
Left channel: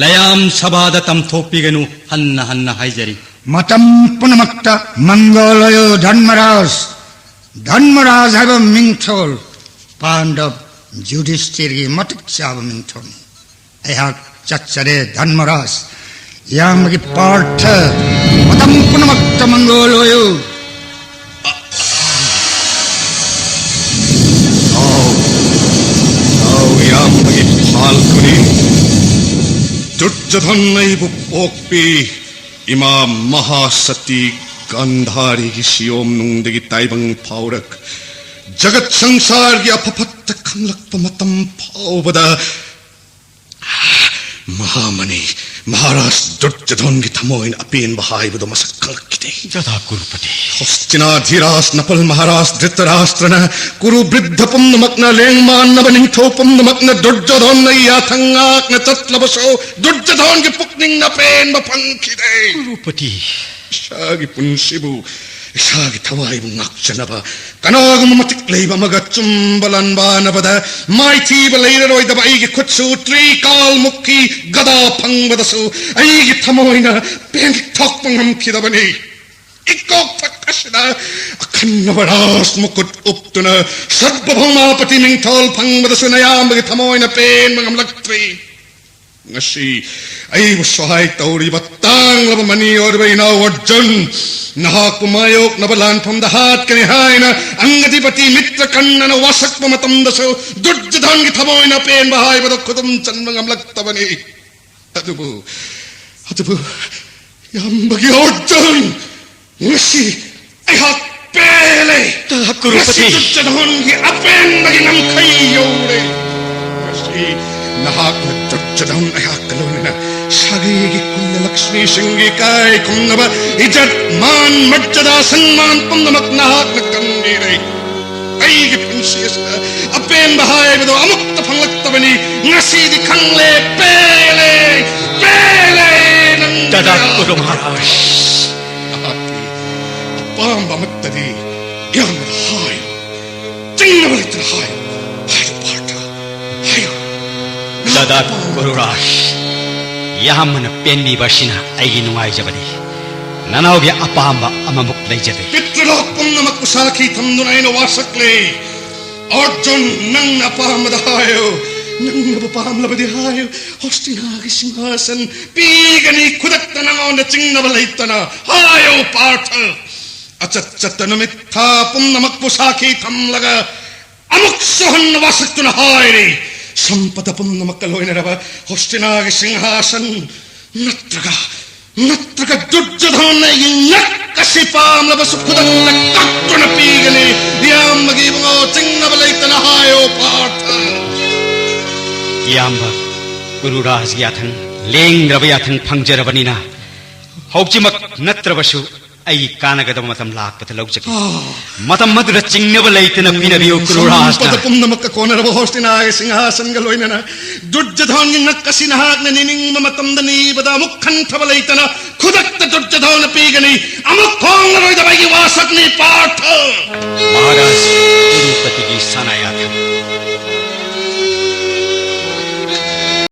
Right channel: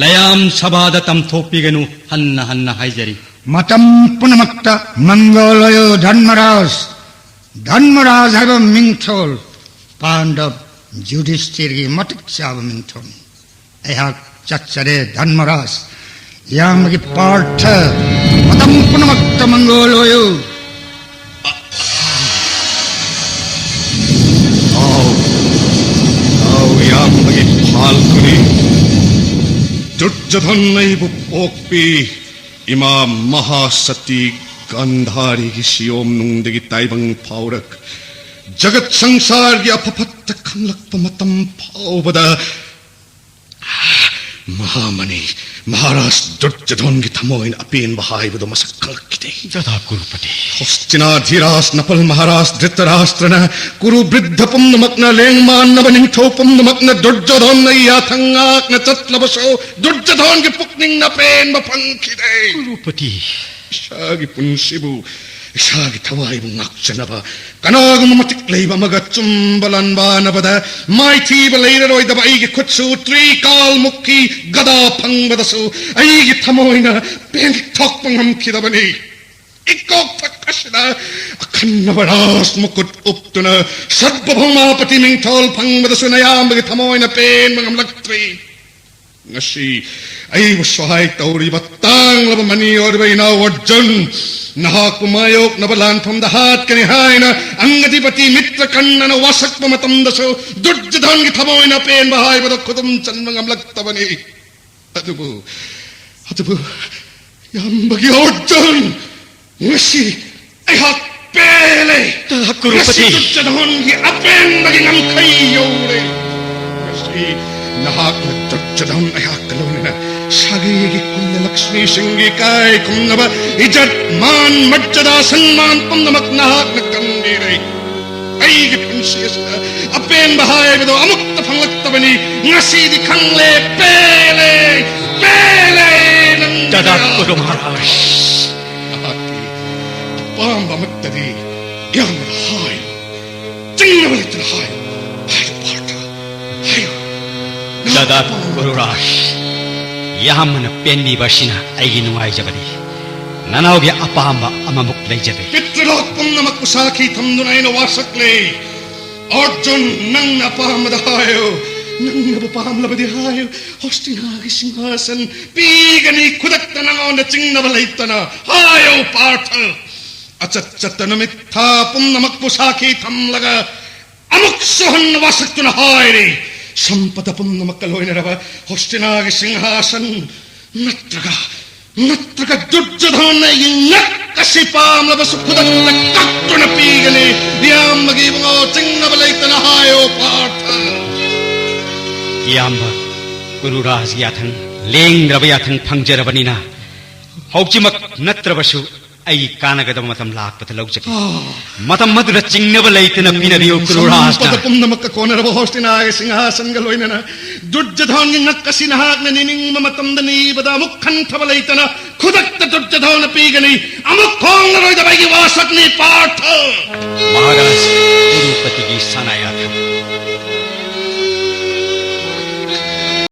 ꯂꯌꯥꯝ ꯁꯚꯥꯗ ꯇꯝꯊꯣꯛꯄꯤꯒꯅꯨ ꯍꯟꯅ ꯍꯟꯅ ꯍꯥꯏꯖꯔꯤ matam punamakta mangoloyo dhanmaraj haiba mingthol pandav yudhishthirgi matik chaba mingthol ayhak chachare dhanmaraj yamagi partha matam punamakta mangoloyo yamagi phalkuni Duryodhan naibu pokpi ima mahasati gandhari gi siyom nungdagi taibang paurak jagat sangsar gi apapatta khanglakpa matam paubada mahamani Maharaj Duryodhan gi thamoin apin bahaibado masak kalkite Jada Gurupati. Hostina Dhiras Napal Maharaj Dhritarashtrana Kuru Bridhapam Namakna Lengman Nabaning Thopam Namakna Duryodhan na Yathangak na Tatlabaso Duryodhan ki Pukning na Pen Mapankide Gurupati. Isagi Punsibu Isagi Tawai Nakchanaba Kanagum Matikleiba Magachumbalan Banabada Mighty Belated Oi the Baigi Kutsu Three Kal Mukki Gada Pangbadasu Aigi Tamoina Ben Tokpangam Kidabani Ikok Takashida Akanavaras Mukut Uptuna Sadbahoma Patining Tol Pangbadasunayam Tamoina Pen Mangam Laktri Nashi I was so high Tauri Batang Labamani or Baina or Jun Nahakumayok Nabalan from the heart Kanihina Angatipati Mitra Kanana Wasak Pamatandaso Duryodhan Tamoina Pen Bahai but Kudum Chanmangam Laktabani Atubu Yambagi Ojun Nashi I have Pele Gurupati. Duryodhan Apen Baginam Kayore Nashi Nahak Duryodhan Ayakaluna Shagigi Kunna Lakshmi Singhi Kai Kunnaba Ijat Man Majjada Sanman Punnamak Nahak Nakamiri Aigi Punshisa Apen Bahai Vido Amukta Panglaktabani Nasi di Kangle Pele Jada Guru Maharaj. Apamba Mattadi Yam Hai Tinnavalita Hai Hai Parta Hayo Jada Guru Raj. Yahamana penni bashina aigi nungai jabadi. Nanaugi apahamba amamuk lejade. Pitralok Punnamak Kusaki Tamdunaina Wasakle Arjun Nang Apamada Hayo Nang Napamlabadi Hayo Hostinagi Singhasan Pigani Kudaktana on the Chingnavalaitana Hayo Partha Achatchatanamitta Punnamak Kusaki Tamlaga Amuksohan Wasatuna Hairi Sampata Punnamakaloinarava Hostinagi Singhasan Natraga Duryodhana Yakasipam Labasukudana Kaktuna Pigani Yamagivo Tingabalaitan Hayo Partha Yamba Guru Raj Yathan Ling Rabayathan Pangjarabanina Hauchimak Natrabasu Ai Kanagadam Matam Lak Patalojak Matam Madra Chingabalaitan Pinabi Guru Raj Sampata Punnamakka Konarava Hostinagi Singhasan Galoinana Duryodhan Nakasinahak Nining Mamatandani Bada Mukhan Tabalaitana Kudakta Duryodhana Pigani Amukhongaroy the Bagi Wasakni Partha Maharaj Gurupati Sanayathan